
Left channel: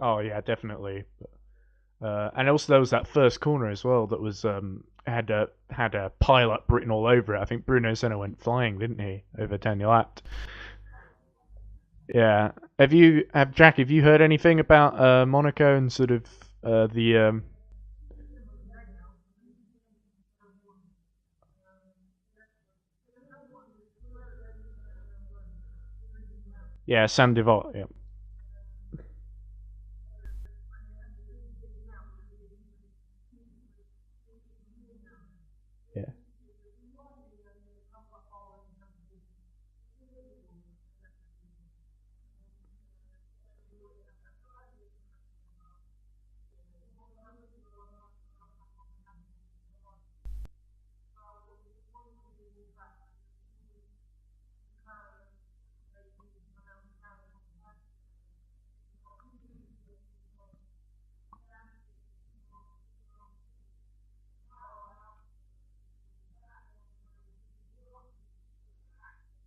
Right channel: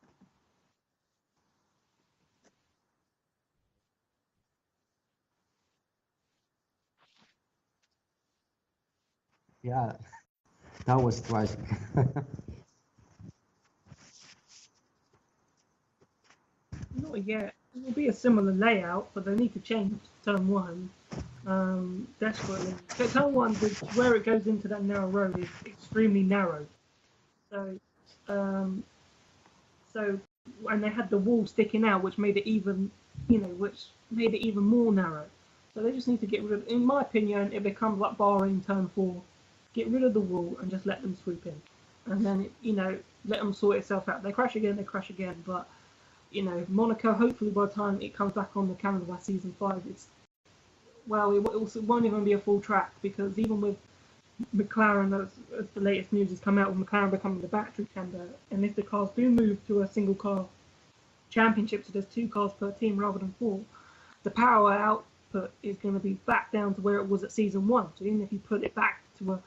Oh yeah, definitely. And also there was that first corner as well that was had a pile-up written all over it. I think Bruno Senna went flying, didn't he, over Daniel Abt? That was tragic. Yeah. Jack? Have you heard anything about Monaco and sort of the? Yeah, it will be a similar layout, but they need to change turn one desperately. So turn one, where it goes into that narrow road, is extremely narrow. Yeah, Saint Devote. Yeah. So, and they had the wall sticking out, which made it even more narrow. So they just need to get rid of. In my opinion, it becomes like Bahrain turn 4. Get rid of the wall and just let them sweep in, and then let them sort itself out. They crash again, but Monaco. Hopefully, by the time it comes back on the calendar by season 5, it won't even be a full track, because even with McLaren, as the latest news has come out, with McLaren becoming the battery tender, and if the cars do move to a single car championship, so there's 2 cars per team rather than 4, the power output is going to be back down to where it was at season 1. So even if you put it back to a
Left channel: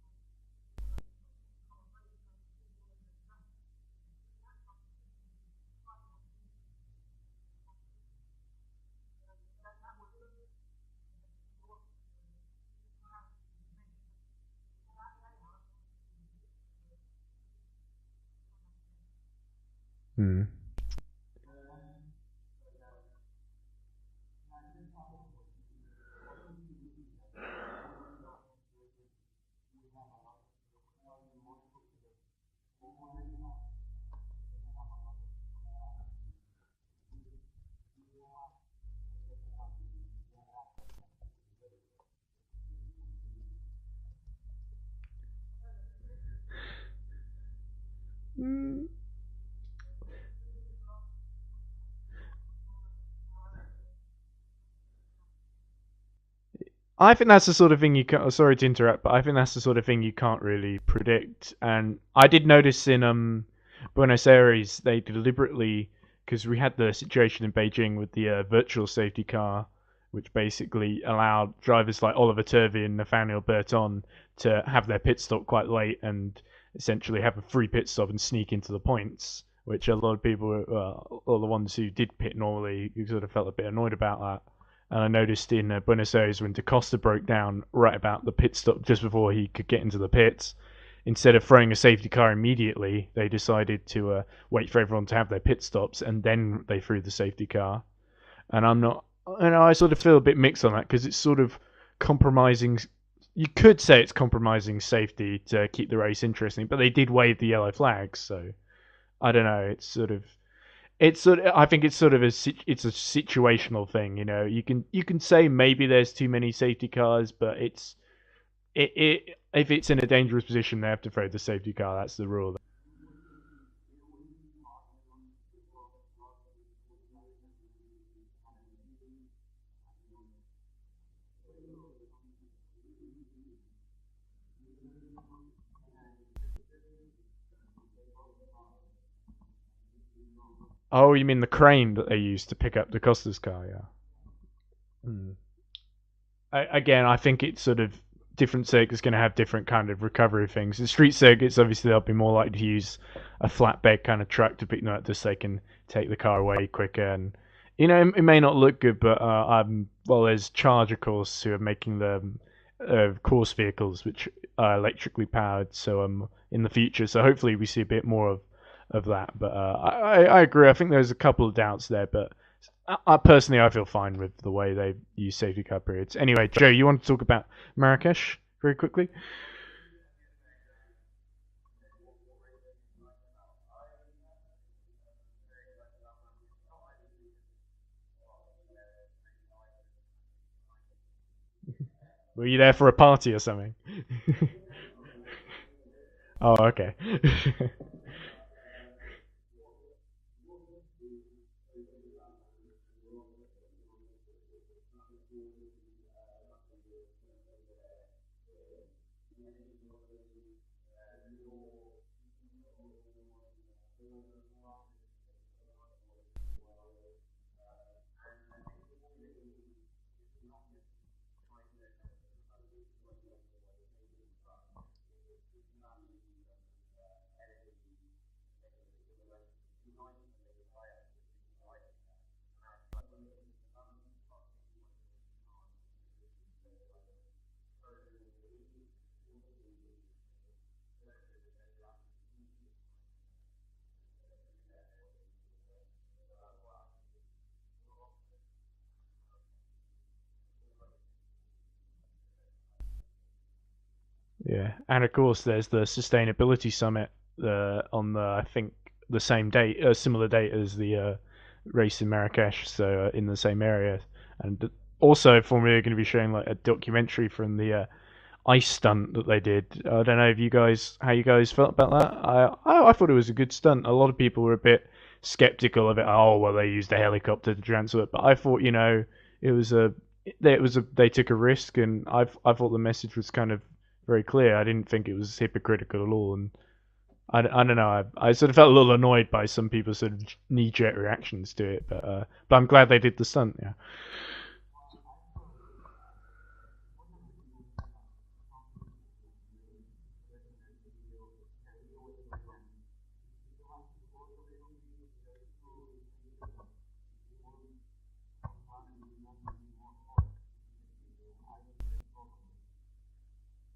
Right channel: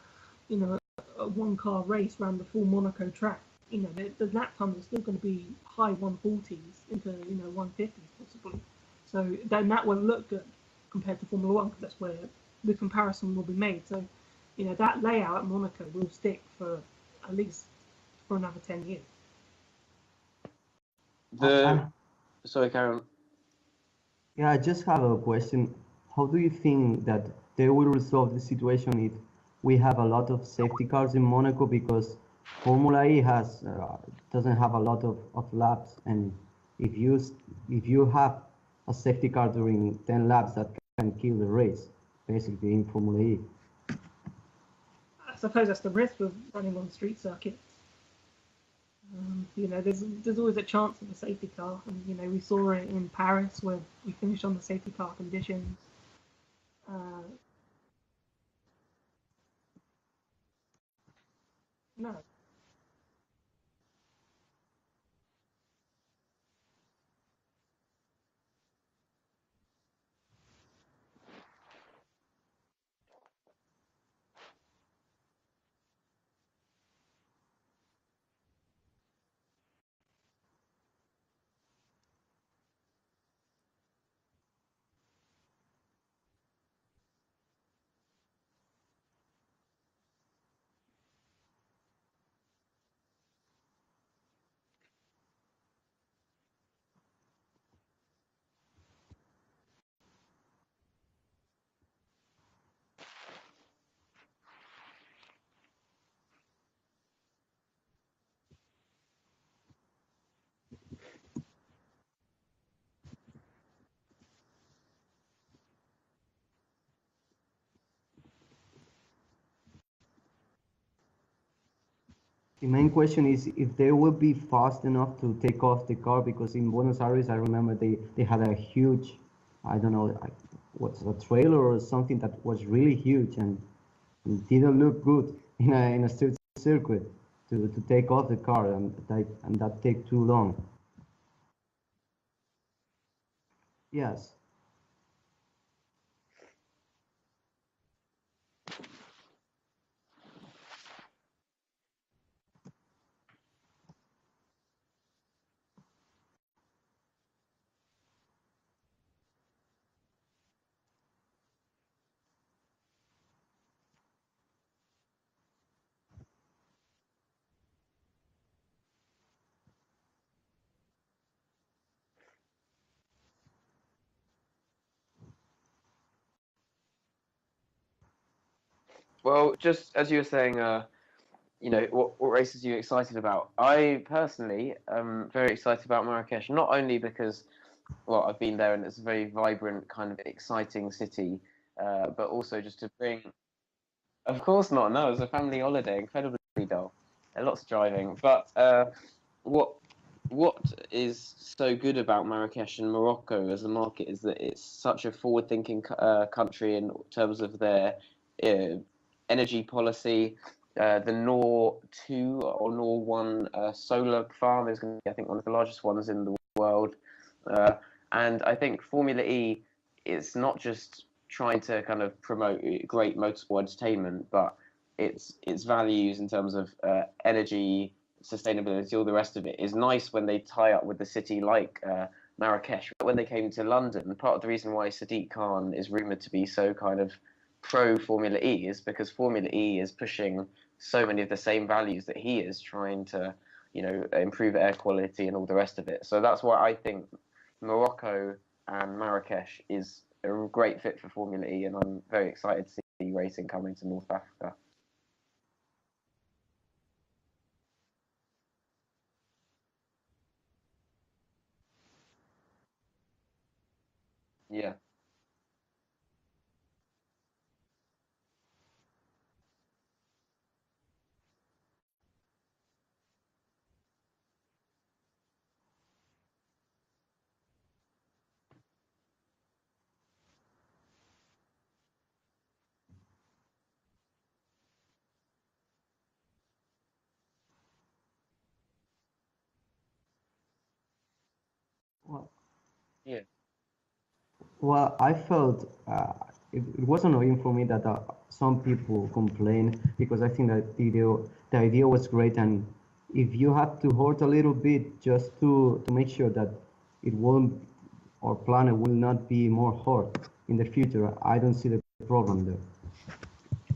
1-car race around the full Monaco track, the lap times are still going to be high 140s into 150s possibly. So then that will look good compared to Formula 1, because that's where the comparison will be made. So that layout at Monaco will stick for at least for another 10 years. Sorry, Karen. Yeah, I just have a question. How do you think that they will resolve the situation if we have a lot of safety cars in Monaco, because Formula E doesn't have a lot of laps, and if you have a safety car during 10 laps, that can kill the race, basically, in Formula E. I suppose that's the risk with running on street circuits. There's always a chance of a safety car, and we saw it in Paris where we finished on the safety car conditions. I think that's the sort of thing you can't. Sorry to interrupt, but I think that's the sort of thing you can't really predict. And No. I did notice in Buenos Aires, they deliberately, because we had the situation in Beijing with the virtual safety car, which basically allowed drivers like Oliver Turvey and Nathaniel Berton to have their pit stop quite late and essentially have a free pit stop and sneak into the points, which a lot of people, all the ones who did pit normally, sort of felt a bit annoyed about that. And I noticed in Buenos Aires when Da Costa broke down right about the pit stop just before he could get into the pits, instead of throwing a safety car immediately, they decided to wait for everyone to have their pit stops, and then they threw the safety car. And I sort of feel a bit mixed on that, because it's sort of compromising. You could say it's compromising safety to keep the race interesting, but they did wave the yellow flags, so I don't know. I think it's sort of it's a situational thing. You can say maybe there's too many safety cars, but if it's in a dangerous position, they have to throw the safety car. That's the rule. The main question is if they will be fast enough to take off the car, because in Buenos Aires, I remember they had a huge, I don't know, what's a trailer or something that was really huge, and it didn't look good in a street circuit to take off the car, and that take too long. Oh, you mean the crane that they used to pick up Da Costa's car? Yeah. Yes. Again, I think it's sort of different circuits going to have different kind of recovery things. In street circuits, obviously, they'll be more likely to use a flatbed kind of truck to pick them up, just so they can take the car away quicker. And it may not look good, but there's Charger Course who are making the course vehicles which are electrically powered. So in the future, so hopefully we see a bit more of that. But I agree. I think there's a couple of doubts there, but personally, I feel fine with the way they use safety car periods. Anyway, Joe, you want to talk about Marrakesh very quickly? Well, just as you were saying, what races are you excited about? I personally am very excited about Marrakesh, not only because, well, I've been there and it's a very vibrant, kind of exciting city, but also Were you there for a party or something? Of course not. No, it was a family holiday, incredibly Oh, dull, okay. lots of driving. But what what is so good about Marrakesh and Morocco as a market is that it's such a forward-thinking country in terms of their uh, energy policy. The Nor 2 or Nor 1 solar farm is going to be, I think, one of the largest ones in the world. And I think Formula E is not just trying to kind of promote great motorsport entertainment, but its values in terms of energy, sustainability, all the rest of it is nice when they tie up with the city like Marrakesh. When they came to London, part of the reason why Sadiq Khan is rumored to be so kind of pro Formula E is because Formula E is pushing so many of the same values that he is trying to, improve air quality and all the rest of it. So that's why I think Morocco and Marrakesh is a great fit for Formula E, and I'm very excited to see racing coming to North Africa. Yeah, and of course there's the sustainability summit on the I think the same date, a similar date as the race in Marrakesh, so in the same area. And Yeah. also Formula E are going to be showing like a documentary from the ice stunt that they did. I don't know if how you guys felt about that. I thought it was a good stunt. A lot of people were a bit skeptical of it. Oh well, they used a helicopter to transfer it, but I thought it was they took a risk, and I thought the message was kind of very clear. I didn't think it was hypocritical at all, and I don't know. I sort of felt a little annoyed by some people's sort of knee-jerk reactions to it, but I'm glad they did the stunt. Yeah. Well, I felt it was annoying for me that some people complain because I think that the idea was great, and if you have to hurt a little bit just to make sure that it won't, our planet will not be more hurt in the future, I don't see the problem there.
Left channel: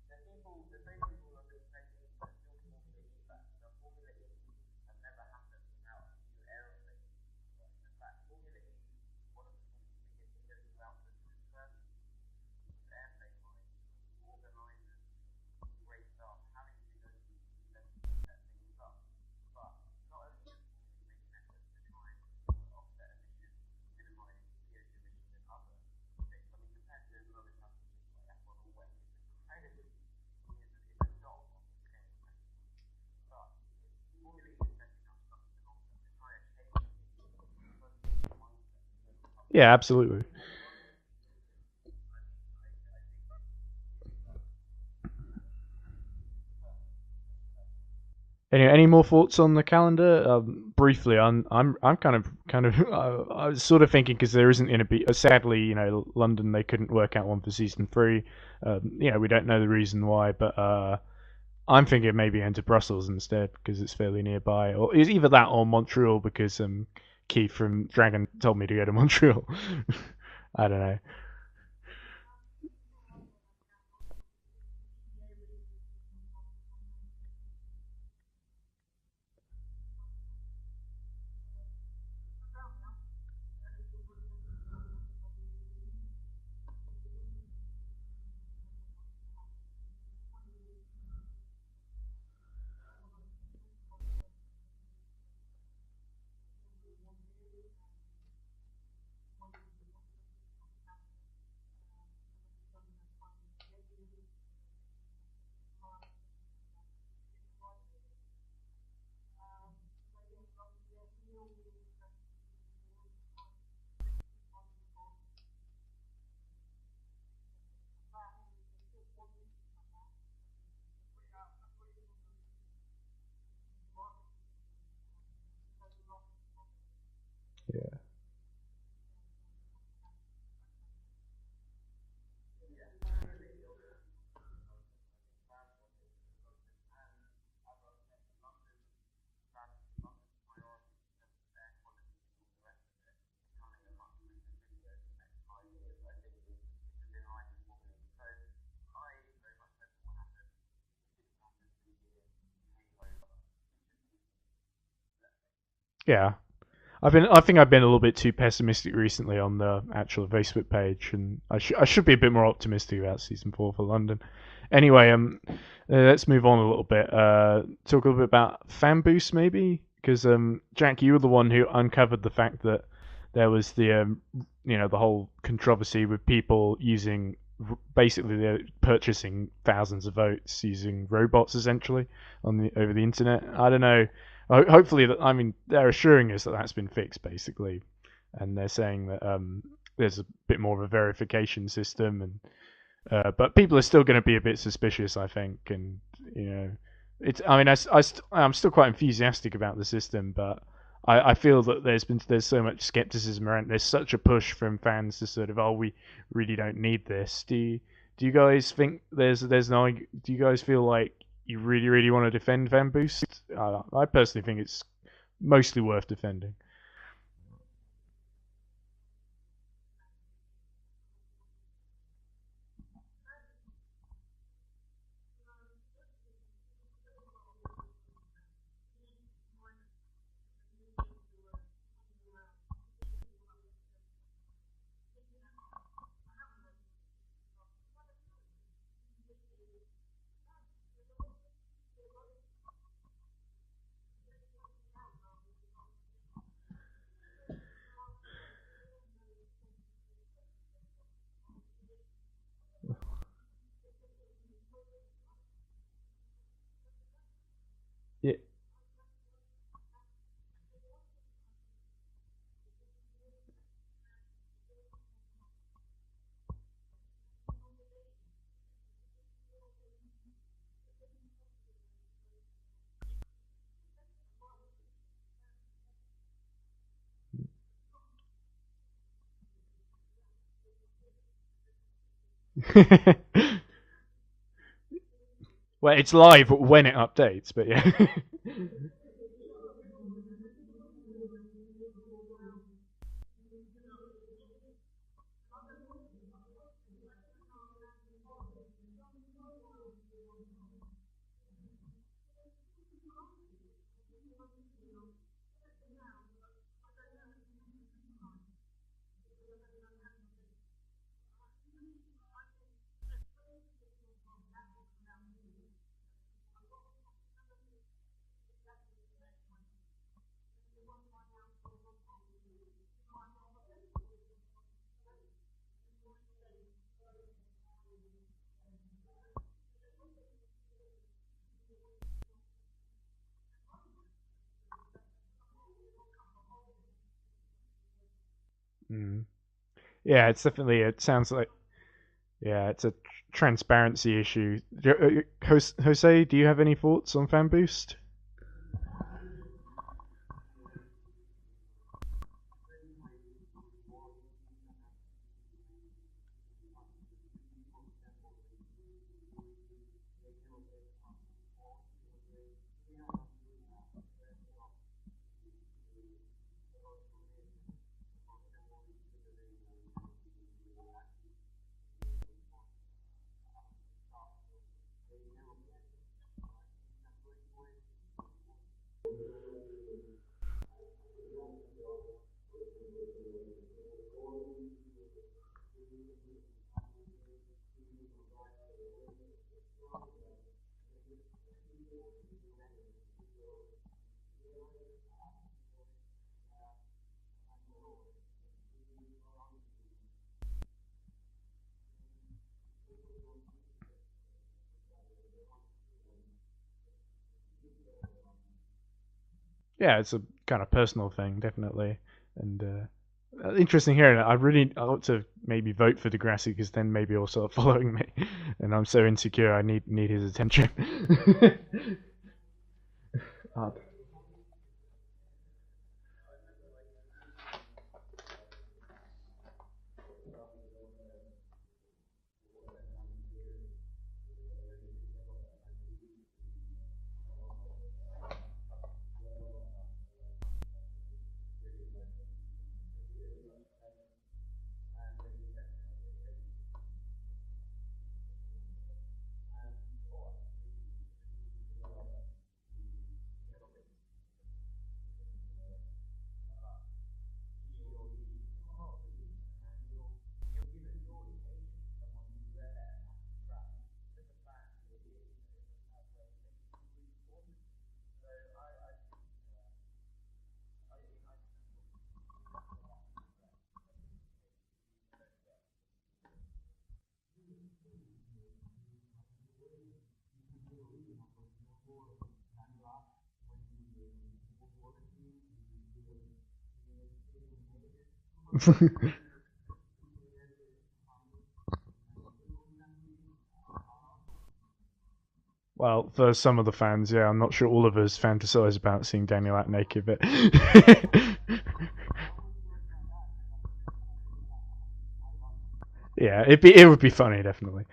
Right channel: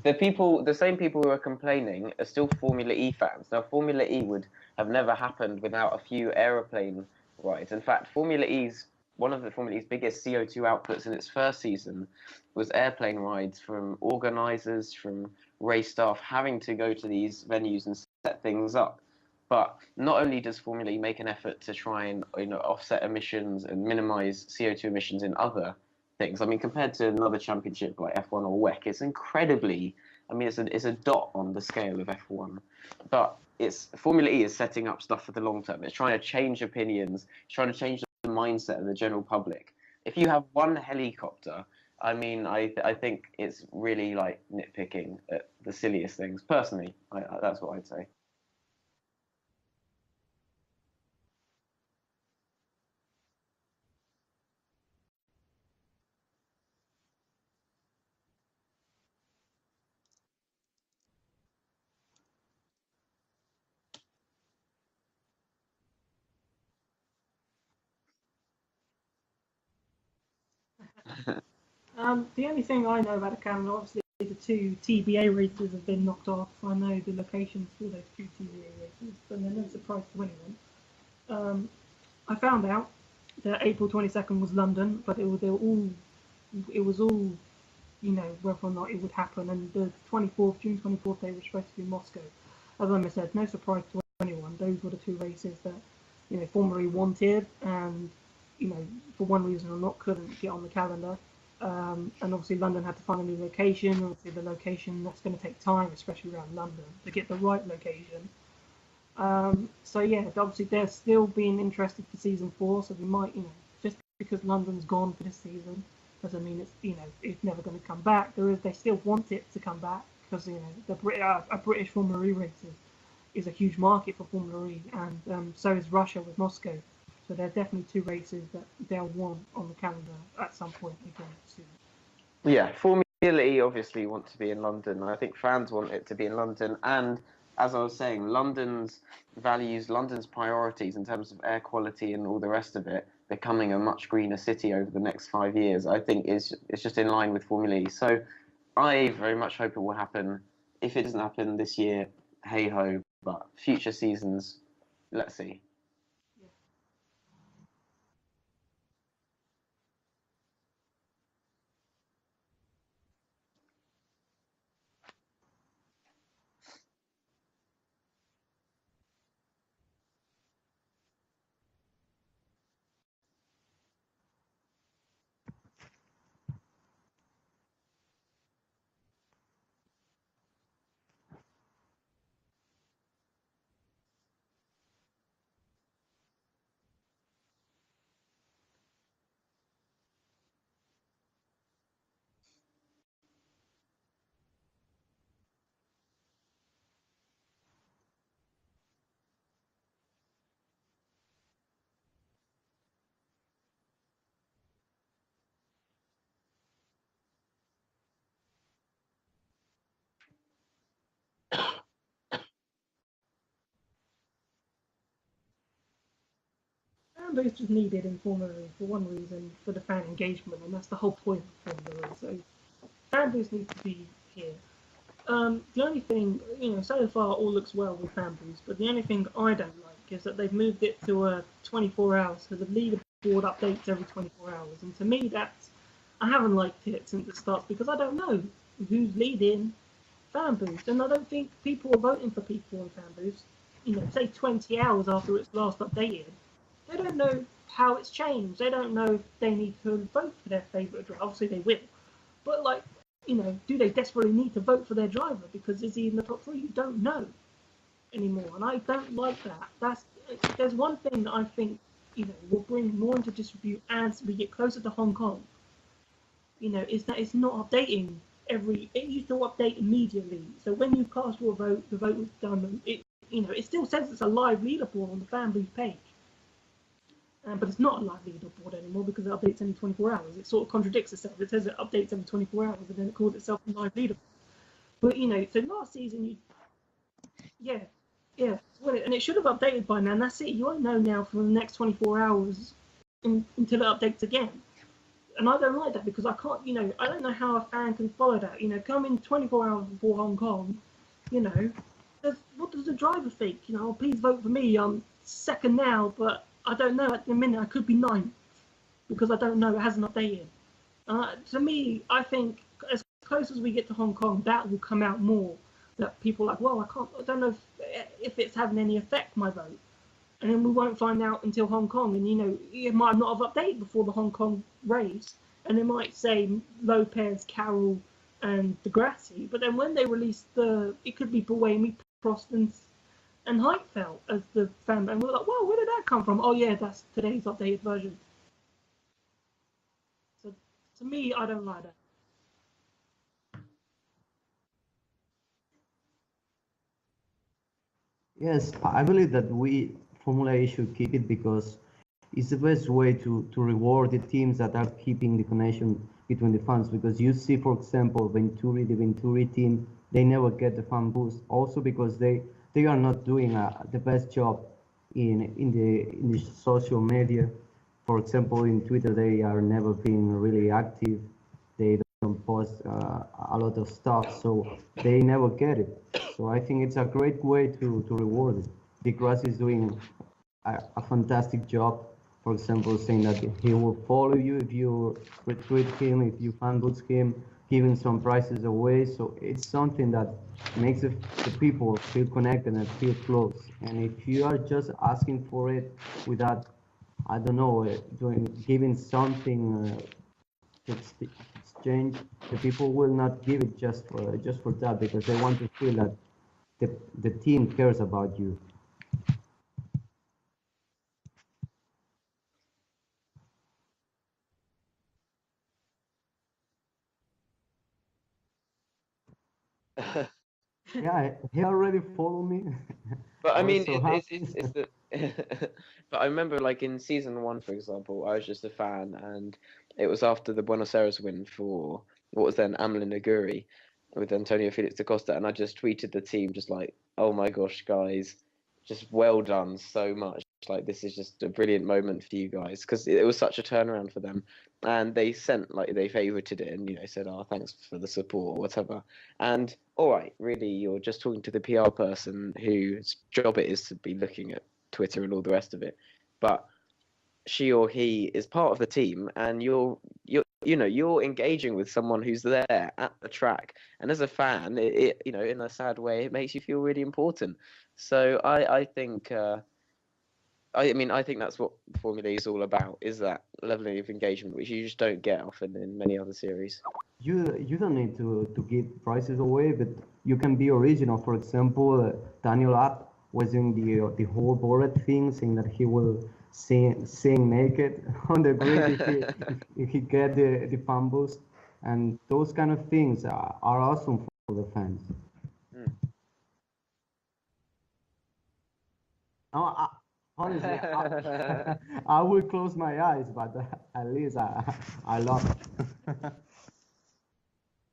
The same people who are complaining are still Formula E fans. Now, Formula E would have never happened without a few aeroplane rides. In fact, one of the Formula E's biggest CO2 outputs in its first season was airplane rides from organisers, from race staff having to go to these venues and set things up. But not only does Formula E make an effort to try and offset emissions and minimise CO2 emissions in other things. I mean, compared to another championship like F1 or WEC, it's incredibly. I mean, it's a dot on the scale of F1, but Formula E is setting up stuff for the long term. It's trying to change opinions. It's trying to change the mindset of the general public. Yeah, absolutely. If you have one helicopter, I mean, I think it's really like nitpicking at the silliest things. Personally, that's what I'd say. Any more thoughts on the calendar? Briefly, I'm kind of I was sort of thinking because there isn't going to be. Sadly, London they couldn't work out one for season 3. We don't know the reason why, but I'm thinking maybe into Brussels instead because it's fairly nearby, or it's either that or Montreal because Keith from Dragon told me to go to Montreal. I don't know. The only thing I know about the calendar, obviously, the 2 TBA races have been knocked off. I know the locations for those 2 TBA races, but they're no surprise to anyone. I found out that April 22nd was London, but it was all, whether or not it would happen. And the June 24th, they were supposed to be Moscow. As I said, no surprise to anyone. Those were the 2 races that Formula E wanted, and for one reason or not, couldn't get on the calendar. And obviously London had to find a new location. Obviously the location, that's going to take time, especially around London, to get the right location. So yeah, obviously they're still being interested for season 4. So we might, just because London's gone for this season, doesn't mean it's never going to come back. They still want it to come back because a British Formula E race is a huge market for Formula E, and so is Russia with Moscow. So there are definitely 2 races that they'll want on the calendar at some point again soon. Yeah, Formula E obviously want to be in London. I think fans want it to be in London. And as I was saying, London's values, London's priorities in terms of air quality and all the rest of it, becoming a much greener city over the next 5 years, I think it's just in line with Formula E. So I very much hope it will happen. If it doesn't happen this year, hey ho. But future seasons, let's see. Yeah. I think I've been a little bit too pessimistic recently on the actual Facebook page, and I should be a bit more optimistic about season 4 for London. Anyway, let's move on a little bit. Talk a little bit about fan boosts, maybe, because Jack, you were the one who uncovered the fact that there was the the whole controversy with people using basically they're purchasing thousands of votes using robots essentially over the internet. I don't know. Hopefully, I mean, they're assuring us that that's been fixed basically, and they're saying that there's a bit more of a verification system, and but people are still going to be a bit suspicious, I think, and it's. I mean, I'm still quite enthusiastic about the system, but I feel that there's so much skepticism around. There's such a push from fans to sort of, oh, we really don't need this. Do you guys think there's no? Do you guys feel like you really want to defend fan boost? I personally think it's mostly worth defending. Fan boost is needed informally for one reason, for the fan engagement, and that's the whole point of Formula. So fan boost needs to be here. The only thing, so far all looks well with fan boost, but the only thing I don't like is that they've moved it to 24 hours, so the leaderboard updates every 24 hours, and to me I haven't liked it since it starts because I don't know who's leading fan boost, and I don't think people are voting for people on fan boost. Say 20 hours after it's last updated, they don't know how it's changed. They don't know if they need to vote for their favourite driver. Obviously they will, but do they desperately need to vote for their driver because is he in the top three? You don't know anymore, and I don't like that. There's one thing that I think will bring more into disrepute as we get closer to Hong Kong. Is that it's not updating it used to update immediately. So when you cast your vote, the vote was done, and it still says it's a live leaderboard on the fan boost page. But it's not a live leaderboard anymore because it updates every 24 hours. It sort of contradicts itself. It says it updates every 24 hours and it calls itself a live leaderboard. But so it's live when it updates, but yeah. Yeah, and it should have updated by now. And that's it. You won't know now for the next 24 hours until it updates again. And I don't like that because I can't. I don't know how a fan can follow that. Coming 24 hours before Hong Kong. What does the driver think? Please vote for me. I'm second now, but I don't know. At the minute, I could be ninth because I don't know. It hasn't updated. To me, I think as close as we get to Hong Kong, that will come out more. That people are like, well, I don't know if it's having any effect my vote, and then we won't find out until Hong Kong. And it might not have updated before the Hong Kong race, and they might say Lopez, Carroll, and Degrassi. But then when they release it could be Buemi, Prost, and Heidfeld as the fan, and we're like, well, where did that come from? Oh yeah, that's today's updated version. Yeah, it's definitely. It sounds I like. don't like that. Yeah, it's a transparency issue. Jose, do you have any thoughts on fan boost? Yes, I believe that Formula E should keep it because it's the best way to reward the teams that are keeping the connection between the fans. Because you see, for example, the Venturi team, they never get the fan boost. Also because they are not doing the best job in the social media. For example, in Twitter, they are never being really active. They don't post a lot of stuff, so they never get it. So I think it's a great way to reward it. Because is doing a fantastic job. For example, saying that he will follow you if you retweet him, if you fan boost him, giving some prizes away. So it's something that makes the people feel connected and feel close. And if you are just asking for it without, I don't know, giving something to exchange, the people will not give it just for that because they want to feel that the team cares about you. Yeah, it's a kind of personal thing, definitely. And interesting hearing that. I ought to maybe vote for Degrassi because then maybe he'll start following me. And I'm so insecure, I need his attention. Yeah, he already followed me. But I mean, it's the. But I remember, like in season 1, for example, I was just a fan, and it was after the Buenos Aires win for what was then Amelin Aguri with Antonio Felix da Costa, and I just tweeted the team just like, "Oh my gosh, guys, just well done so much. Like this is just a brilliant moment for you guys because it was such a turnaround for them." And they sent they favorited it and said, "Oh, thanks for the support," or whatever. And all right, really, you're just talking to the PR person whose job it is to be looking at Twitter and all the rest of it, but she or he is part of the team, and you're you're engaging with someone who's there at the track, and as a fan, it in a sad way, it makes you feel really important. So I think I think that's what Formula E is all about, is that level of engagement, which you just don't get often in many other series. You don't need to give prices away, but you can be original. For example, Daniel Abt was doing the whole Borat thing, saying that he will sing naked on the grid if he get the fan boost, and those kind of things are awesome for the fans. Well, for some of the fans, yeah, I'm not sure all of us fantasize about seeing Daniel Abt naked, but I will close my eyes, but at least I love it. yeah, it would be funny, definitely.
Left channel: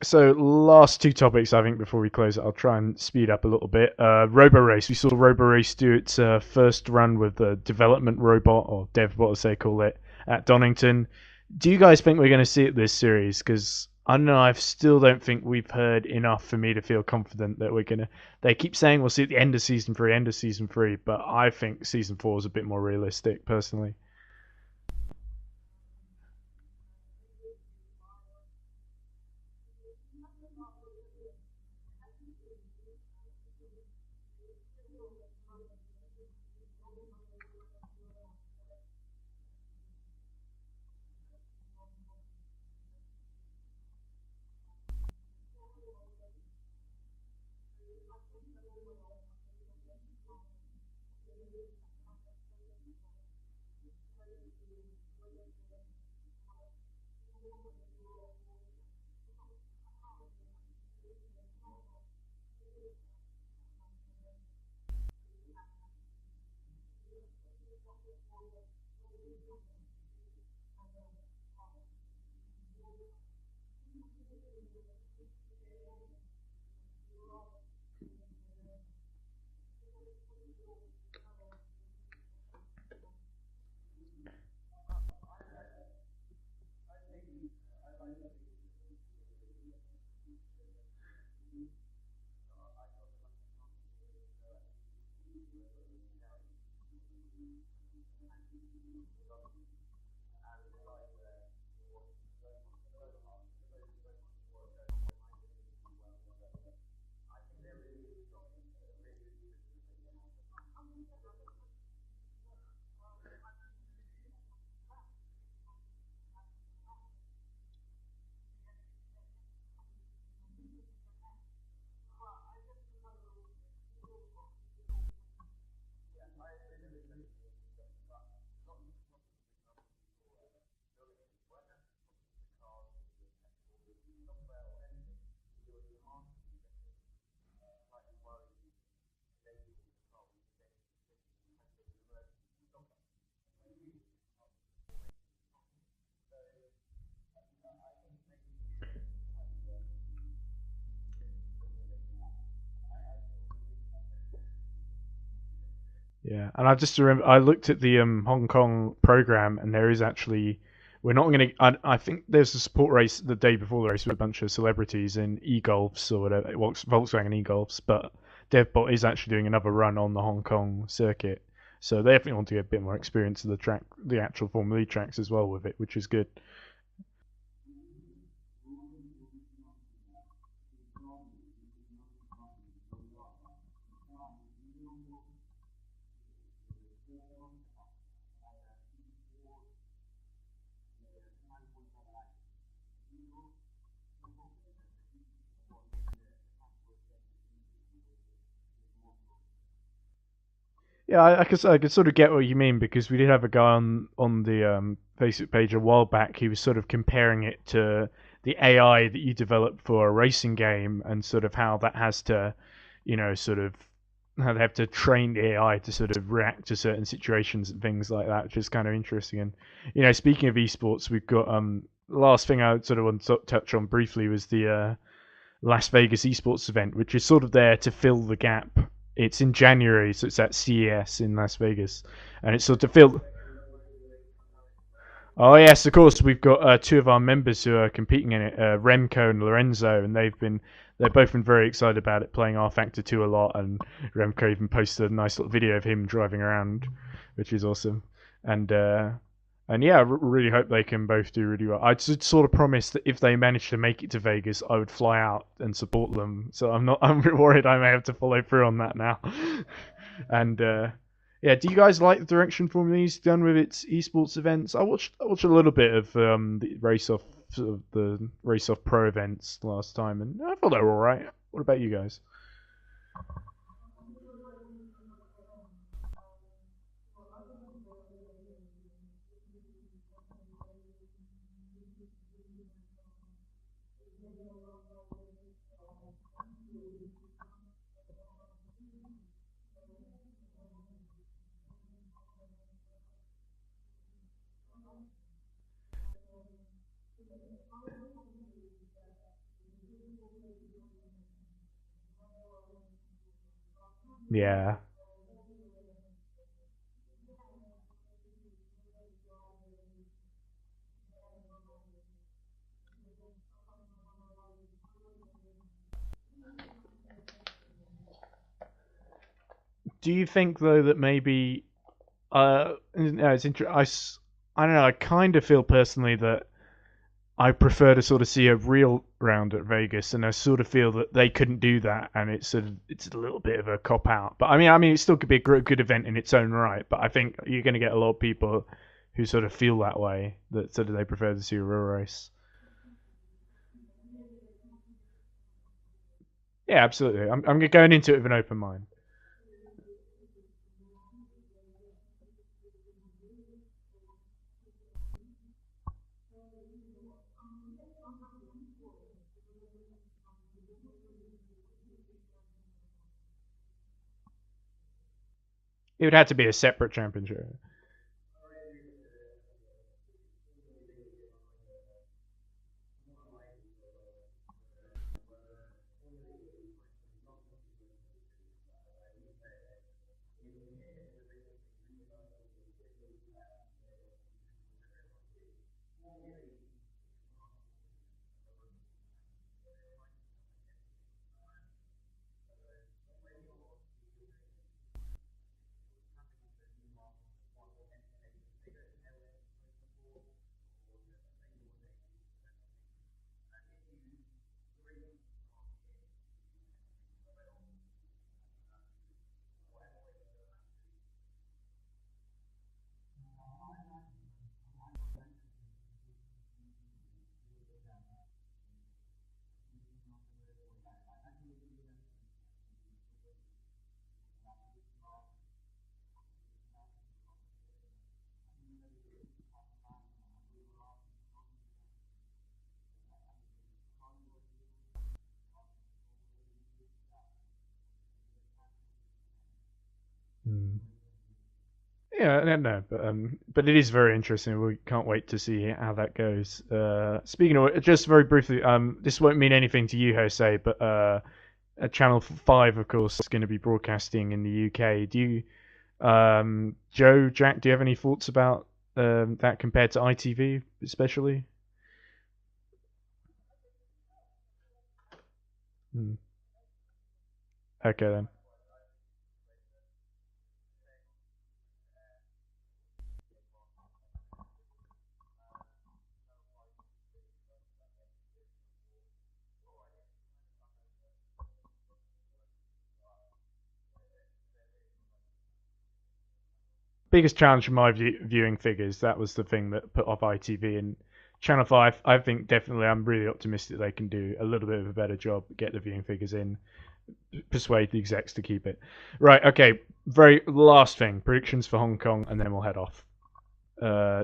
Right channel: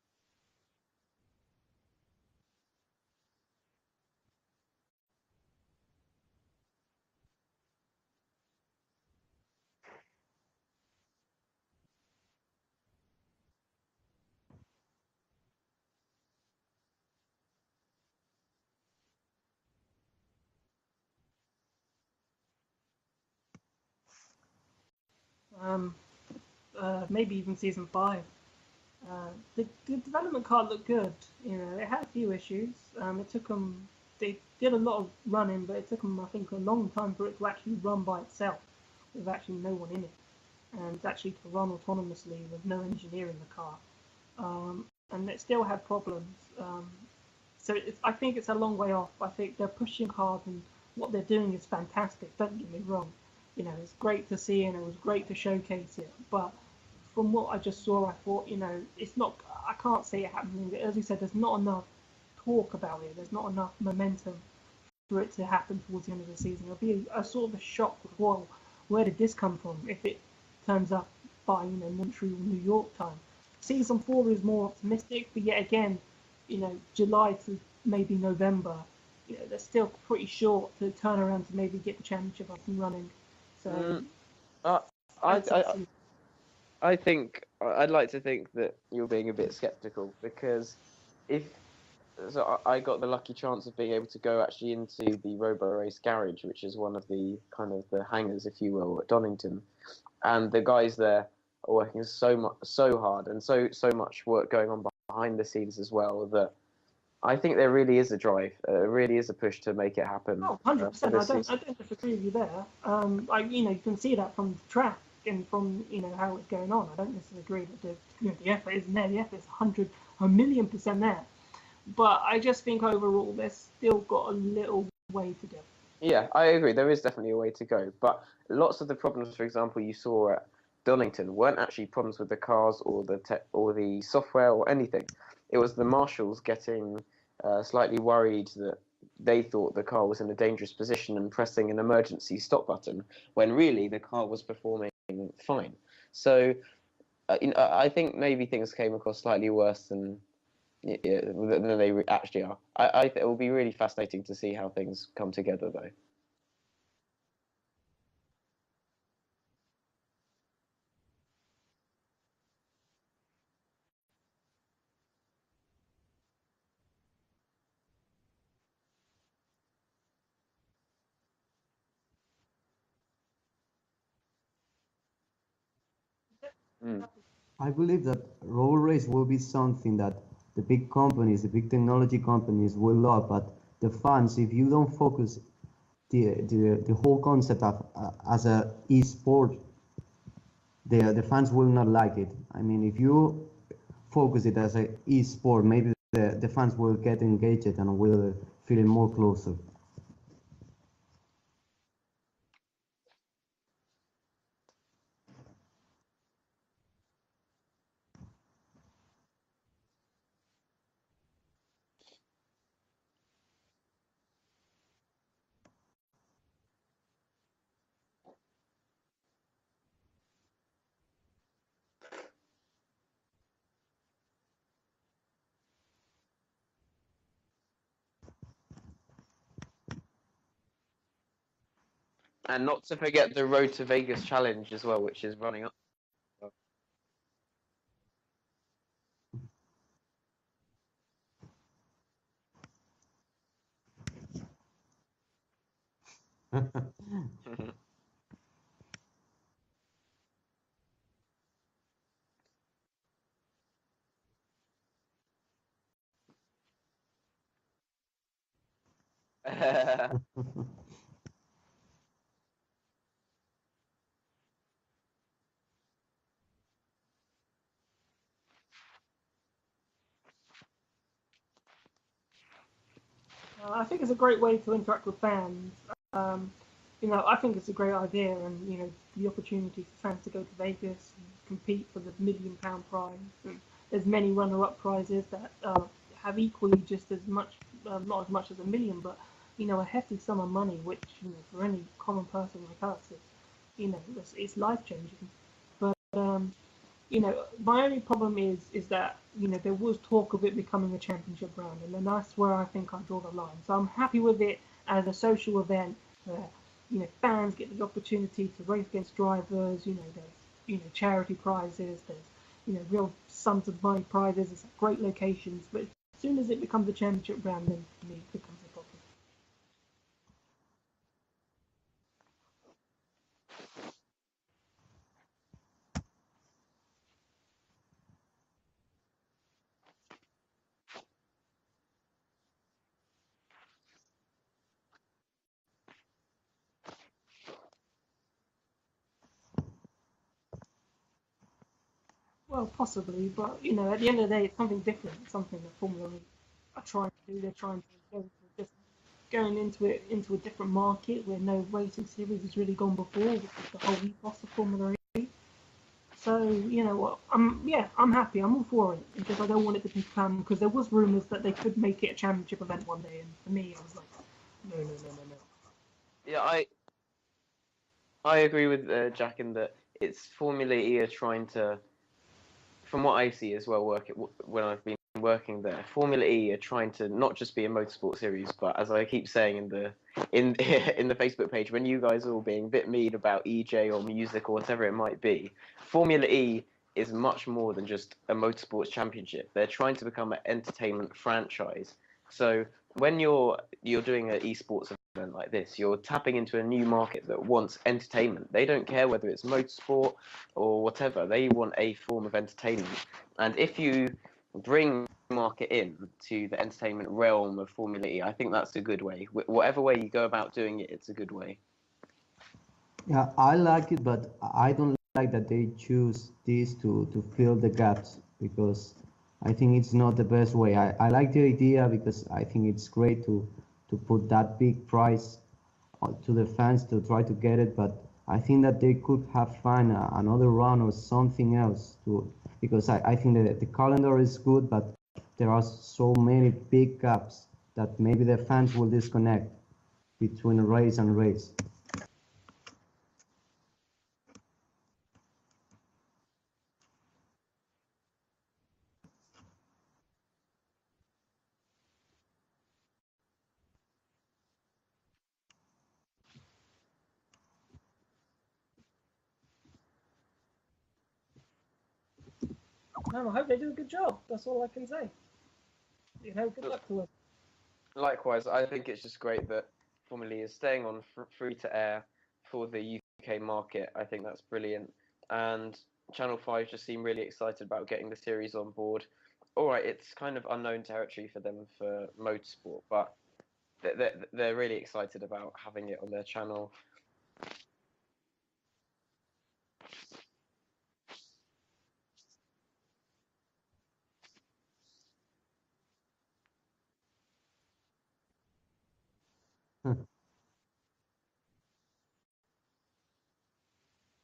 So last two topics, I think, before we close it, I'll try and speed up a little bit. Robo Race. We saw Robo Race do its first run with the development robot, or DevBot as they call it, at Donington. Do you guys think we're going to see it this series? Because I don't know, I still don't think we've heard enough for me to feel confident that we're going to... They keep saying we'll see it at the end of Season 3, but I think Season 4 is a bit more realistic, personally. Maybe even Season 5. The development card looked good. It had a few issues. They did a lot of running, but it took them, I think, a long time for it to actually run by itself, with actually no one in it, and actually to run autonomously with no engineer in the car. And it still had problems. So I think it's a long way off. I think they're pushing hard, and what they're doing is fantastic. Don't get me wrong. It's great to see, and it was great to showcase it. But from what I just saw, I thought, it's not. I can't see it happening. As you said, there's not enough talk about it. There's not enough momentum for it to happen towards the end of the season. It'll be a sort of a shock. Well, where did this come from? If it turns up by Montreal, New York time. Season 4 is more optimistic, but yet again, July to maybe November, they're still pretty short to turn around to maybe get the championship up and running. So, I think I'd like to think that you're being a bit skeptical, because I got the lucky chance of being able to go actually into the Robo Race garage, which is one of the kind of the hangars, if you will, at Donington, and the guys there are working so hard, and so much work going on behind the scenes as well, that I think there really is a drive, really is a push to make it happen. Oh, 100%. I don't disagree with you there. You can see that from the track and from how it's going on. I don't disagree that the effort isn't there. The effort is 1,000,000% there. But I just think overall there's still got a little way to go. Yeah, I agree. There is definitely a way to go. But lots of the problems, for example, you saw at Donington weren't actually problems with the cars or the software or anything. It was the marshals getting slightly worried that they thought the car was in a dangerous position and pressing an emergency stop button, when really the car was performing fine. So I think maybe things came across slightly worse than they actually are. I think it will be really fascinating to see how things come together, though. Yeah, and I just remember I looked at the Hong Kong program, and there is actually we're not going to. I think there's a support race the day before the race with a bunch of celebrities in e-golfs or whatever, Volkswagen e-golfs, but DevBot is actually doing another run on the Hong Kong circuit, so they definitely want to get a bit more experience of the track, the actual Formula E tracks as well with it, which is good. I believe that road race will be something that the big companies, the big technology companies will love, but the fans, if you don't focus the whole concept of as a e-sport, the fans will not like it. I mean, if you focus it as a e-sport, maybe the fans will get engaged and will feel more closer. Yeah, I could sort of get what you mean, because we did have a guy on the Facebook page a while back. He was sort of comparing it to the AI that you develop for a racing game, and sort of how that has to, sort of how they have to train the AI to sort of react to certain situations and things like that, which is kind of interesting. And speaking of esports, we've got the last thing I sort of want to touch on briefly was the Las Vegas esports event, which is sort of there to fill the gap. It's in January, so it's at CES in Las Vegas, and it's sort of filled. Forget the Road to Vegas challenge as well, which is. Oh yes, of course. We've got two of our members who are competing in it, Remco and Lorenzo, and they've both been very excited about it, playing R Factor 2 a lot, and Remco even posted a nice little video of him driving around, which is awesome. And And yeah, I really hope they can both do really well. I sort of promised that if they manage to make it to Vegas, I would fly out and support them. So I'm not. I'm worried I may have to follow through on that now. And yeah, do you guys like the direction Formula E's done with its esports events? I watched a little bit of the race off pro events last time, and I thought they were all right. What about you guys? I think it's a great way to interact with fans. I think it's a great idea, and the opportunity for fans to go to Vegas and compete for the £1 million prize. And there's many runner-up prizes that have equally just as much, not as much as $1 million, but a hefty sum of money, which for any common person like us, it's life-changing. But my only problem is that there was talk of it becoming a championship round, and then that's where I think I draw the line. So I'm happy with it as a social event where fans get the opportunity to race against drivers. There's charity prizes, there's real sums of money prizes. It's at great locations, but as soon as it becomes a championship round, then for me it becomes a problem. Do you think though that maybe it's interesting. I don't know. I kind of feel personally that I prefer to sort of see a real round at Vegas, and I sort of feel that they couldn't do that, and it's a little bit of a cop out. But I mean, it still could be a good event in its own right. But I think you're going to get a lot of people who sort of feel that way, that sort of they prefer to see a real race. Well, possibly, but at the end of the day, it's something different, something that Formula E. Yeah, absolutely. I'm going into it with an open mind. Going into a different market where no racing series has really gone before, which is the whole ethos of Formula E. So what, I'm happy. I'm all for it because I don't want it to become, because there was rumours that they could make it a championship event one day, and for me, I was like, no. It would have to be a separate championship. I agree with Jack in that it's Formula E are trying to, from what I see as well, when I've been working there, Formula E are trying to not just be a motorsport series, but as I keep saying in the Facebook page, when you guys are all being a bit mean about EJ or music or whatever it might be, Formula E is much more than just a motorsports championship. They're trying to become an entertainment franchise. So when you're doing an esports event like this, you're tapping into a new market that wants entertainment. They don't care whether it's motorsport or whatever. They want a form of entertainment. And if you bring the market in to the entertainment realm of Formula E, I think that's a good way. Whatever way you go about doing it, it's a good way. Yeah, I like it, but I don't like that they choose this to fill the gaps, because I think it's not the best way. I like the idea because I think it's great to put that big prize to the fans to try to get it, but I think that they could have found another run or something else because I think that the calendar is good, but there are so many big gaps that maybe the fans will disconnect between race and race. Yeah, no, but it is very interesting. We can't wait to see how that goes. Speaking of, just very briefly, this won't mean anything to you, Jose, but Channel 5, of course, is going to be broadcasting in the UK. Do you, Joe, Jack, do you have any thoughts about that compared to ITV, especially? No, I hope they do a good job. That's all I can say. Good luck to them. Okay. Likewise, I think it's just great that Formula E is staying on free to air for the UK market. I think that's brilliant. And Channel 5 just seem really excited about getting the series on board. Alright, it's kind of unknown territory for them for motorsport, but they're really excited about having it on their channel. Biggest challenge for my viewing figures, that was the thing that put off ITV. And Channel 5, I think definitely, I'm really optimistic they can do a little bit of a better job, get the viewing figures in, persuade the execs to keep it. Right, okay, very last thing, predictions for Hong Kong, and then we'll head off.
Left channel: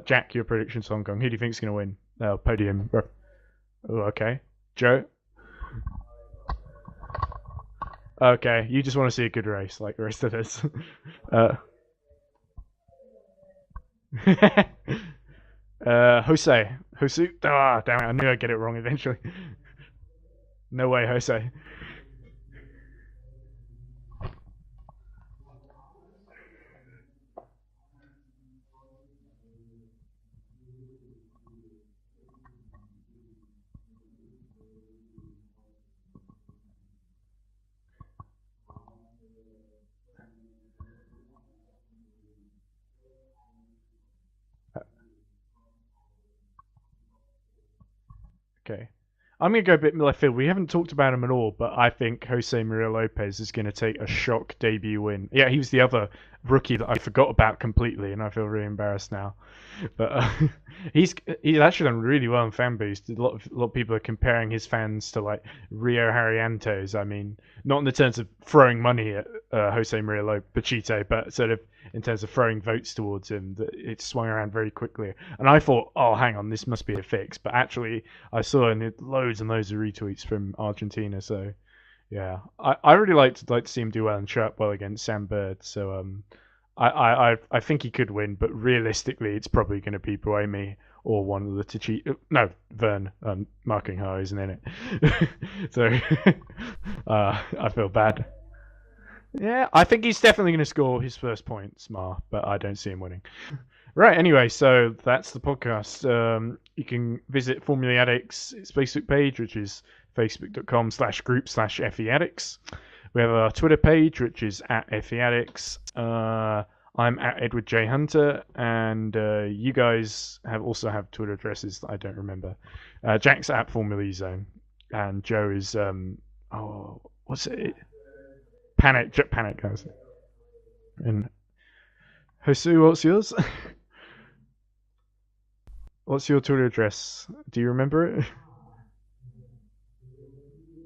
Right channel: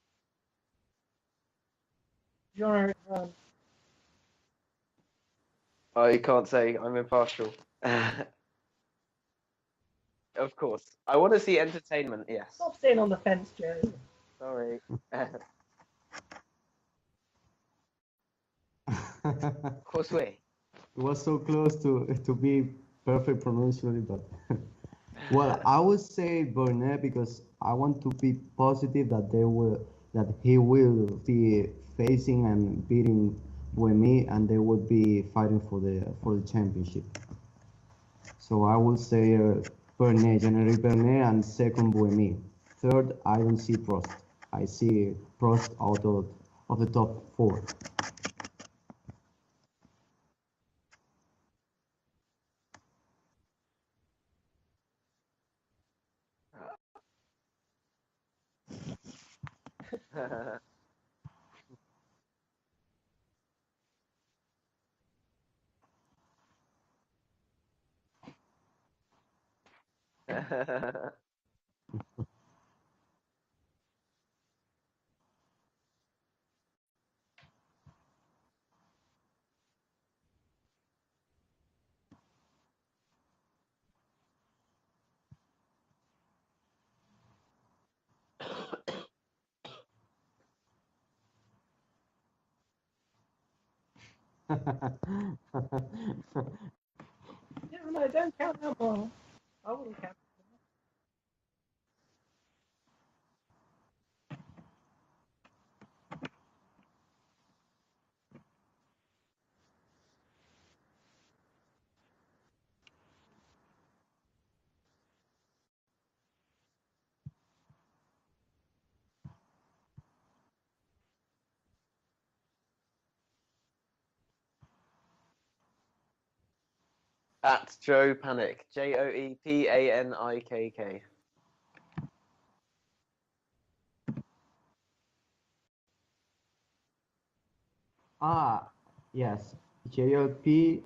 Jack, your predictions for Hong Kong. Who do you think is going to win? Podium. Oh, okay. Joe? You can't say, I'm impartial. Okay, you just want to see a good race like the rest of us. Of course. I want to see entertainment, yes. Stop staying on the fence, Joe. Jose. Ah, damn it, I knew I'd get it wrong eventually. Josue. No way, Jose. So close to be perfect pronunciation, but well, I would say Burnett because I want to be positive that he will be facing and beating Buemi, and they will be fighting for the championship. So I will say Burnett, General Burnett, and second Buemi. Third, I don't see Prost. I see Prost out of the top 4. Okay. I'm going to go a bit left field. We haven't talked about him at all, but I think Jose Maria Lopez is going to take a shock debut win. Yeah, he was the other rookie that I forgot about completely, and I feel really embarrassed now. But he's actually done really well in fan boost. A lot of people are comparing his fans to like Rio Haryanto's. I mean, not in the terms of throwing money at Jose Maria Pachito, but sort of in terms of throwing votes towards him. That it swung around very quickly. And I thought, oh, hang on, this must be a fix. But actually, I saw loads and loads of retweets from Argentina. So yeah, I really like to see him do well and show up well against Sam Bird. So I think he could win, but realistically, it's probably going to be Buemi or one of the Tachito. No, Vern. Marking her, isn't it? So I feel bad. Don't count that one. Yeah, I think he's definitely going to score his first points, but I don't see him winning. Right, anyway, so that's the podcast. You can visit Formula Addicts' Facebook page, which is facebook.com/group/FE Addicts. We have our Twitter page, which is @FE Addicts. I'm @Edward J. Hunter, and you guys also have Twitter addresses that I don't remember. Jack's @Formula Zone, and Joe is what's it? Joe Panic. Panic. Panikk. And Josu, what's yours? What's your Twitter address? Do you remember it? Yes, JOPSUGUS.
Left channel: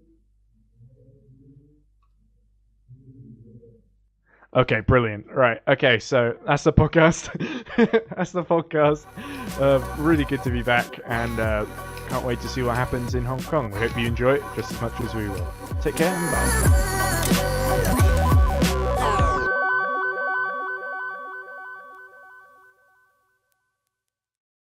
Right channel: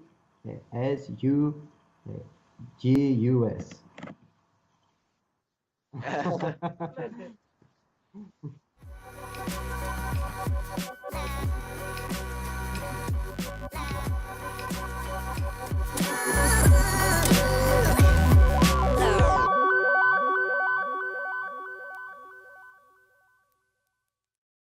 Okay, brilliant. Right. Okay, so that's the podcast. That's the podcast. Really good to be back, and can't wait to see what happens in Hong Kong. I hope you enjoy it just as much as we will. Take care. And bye.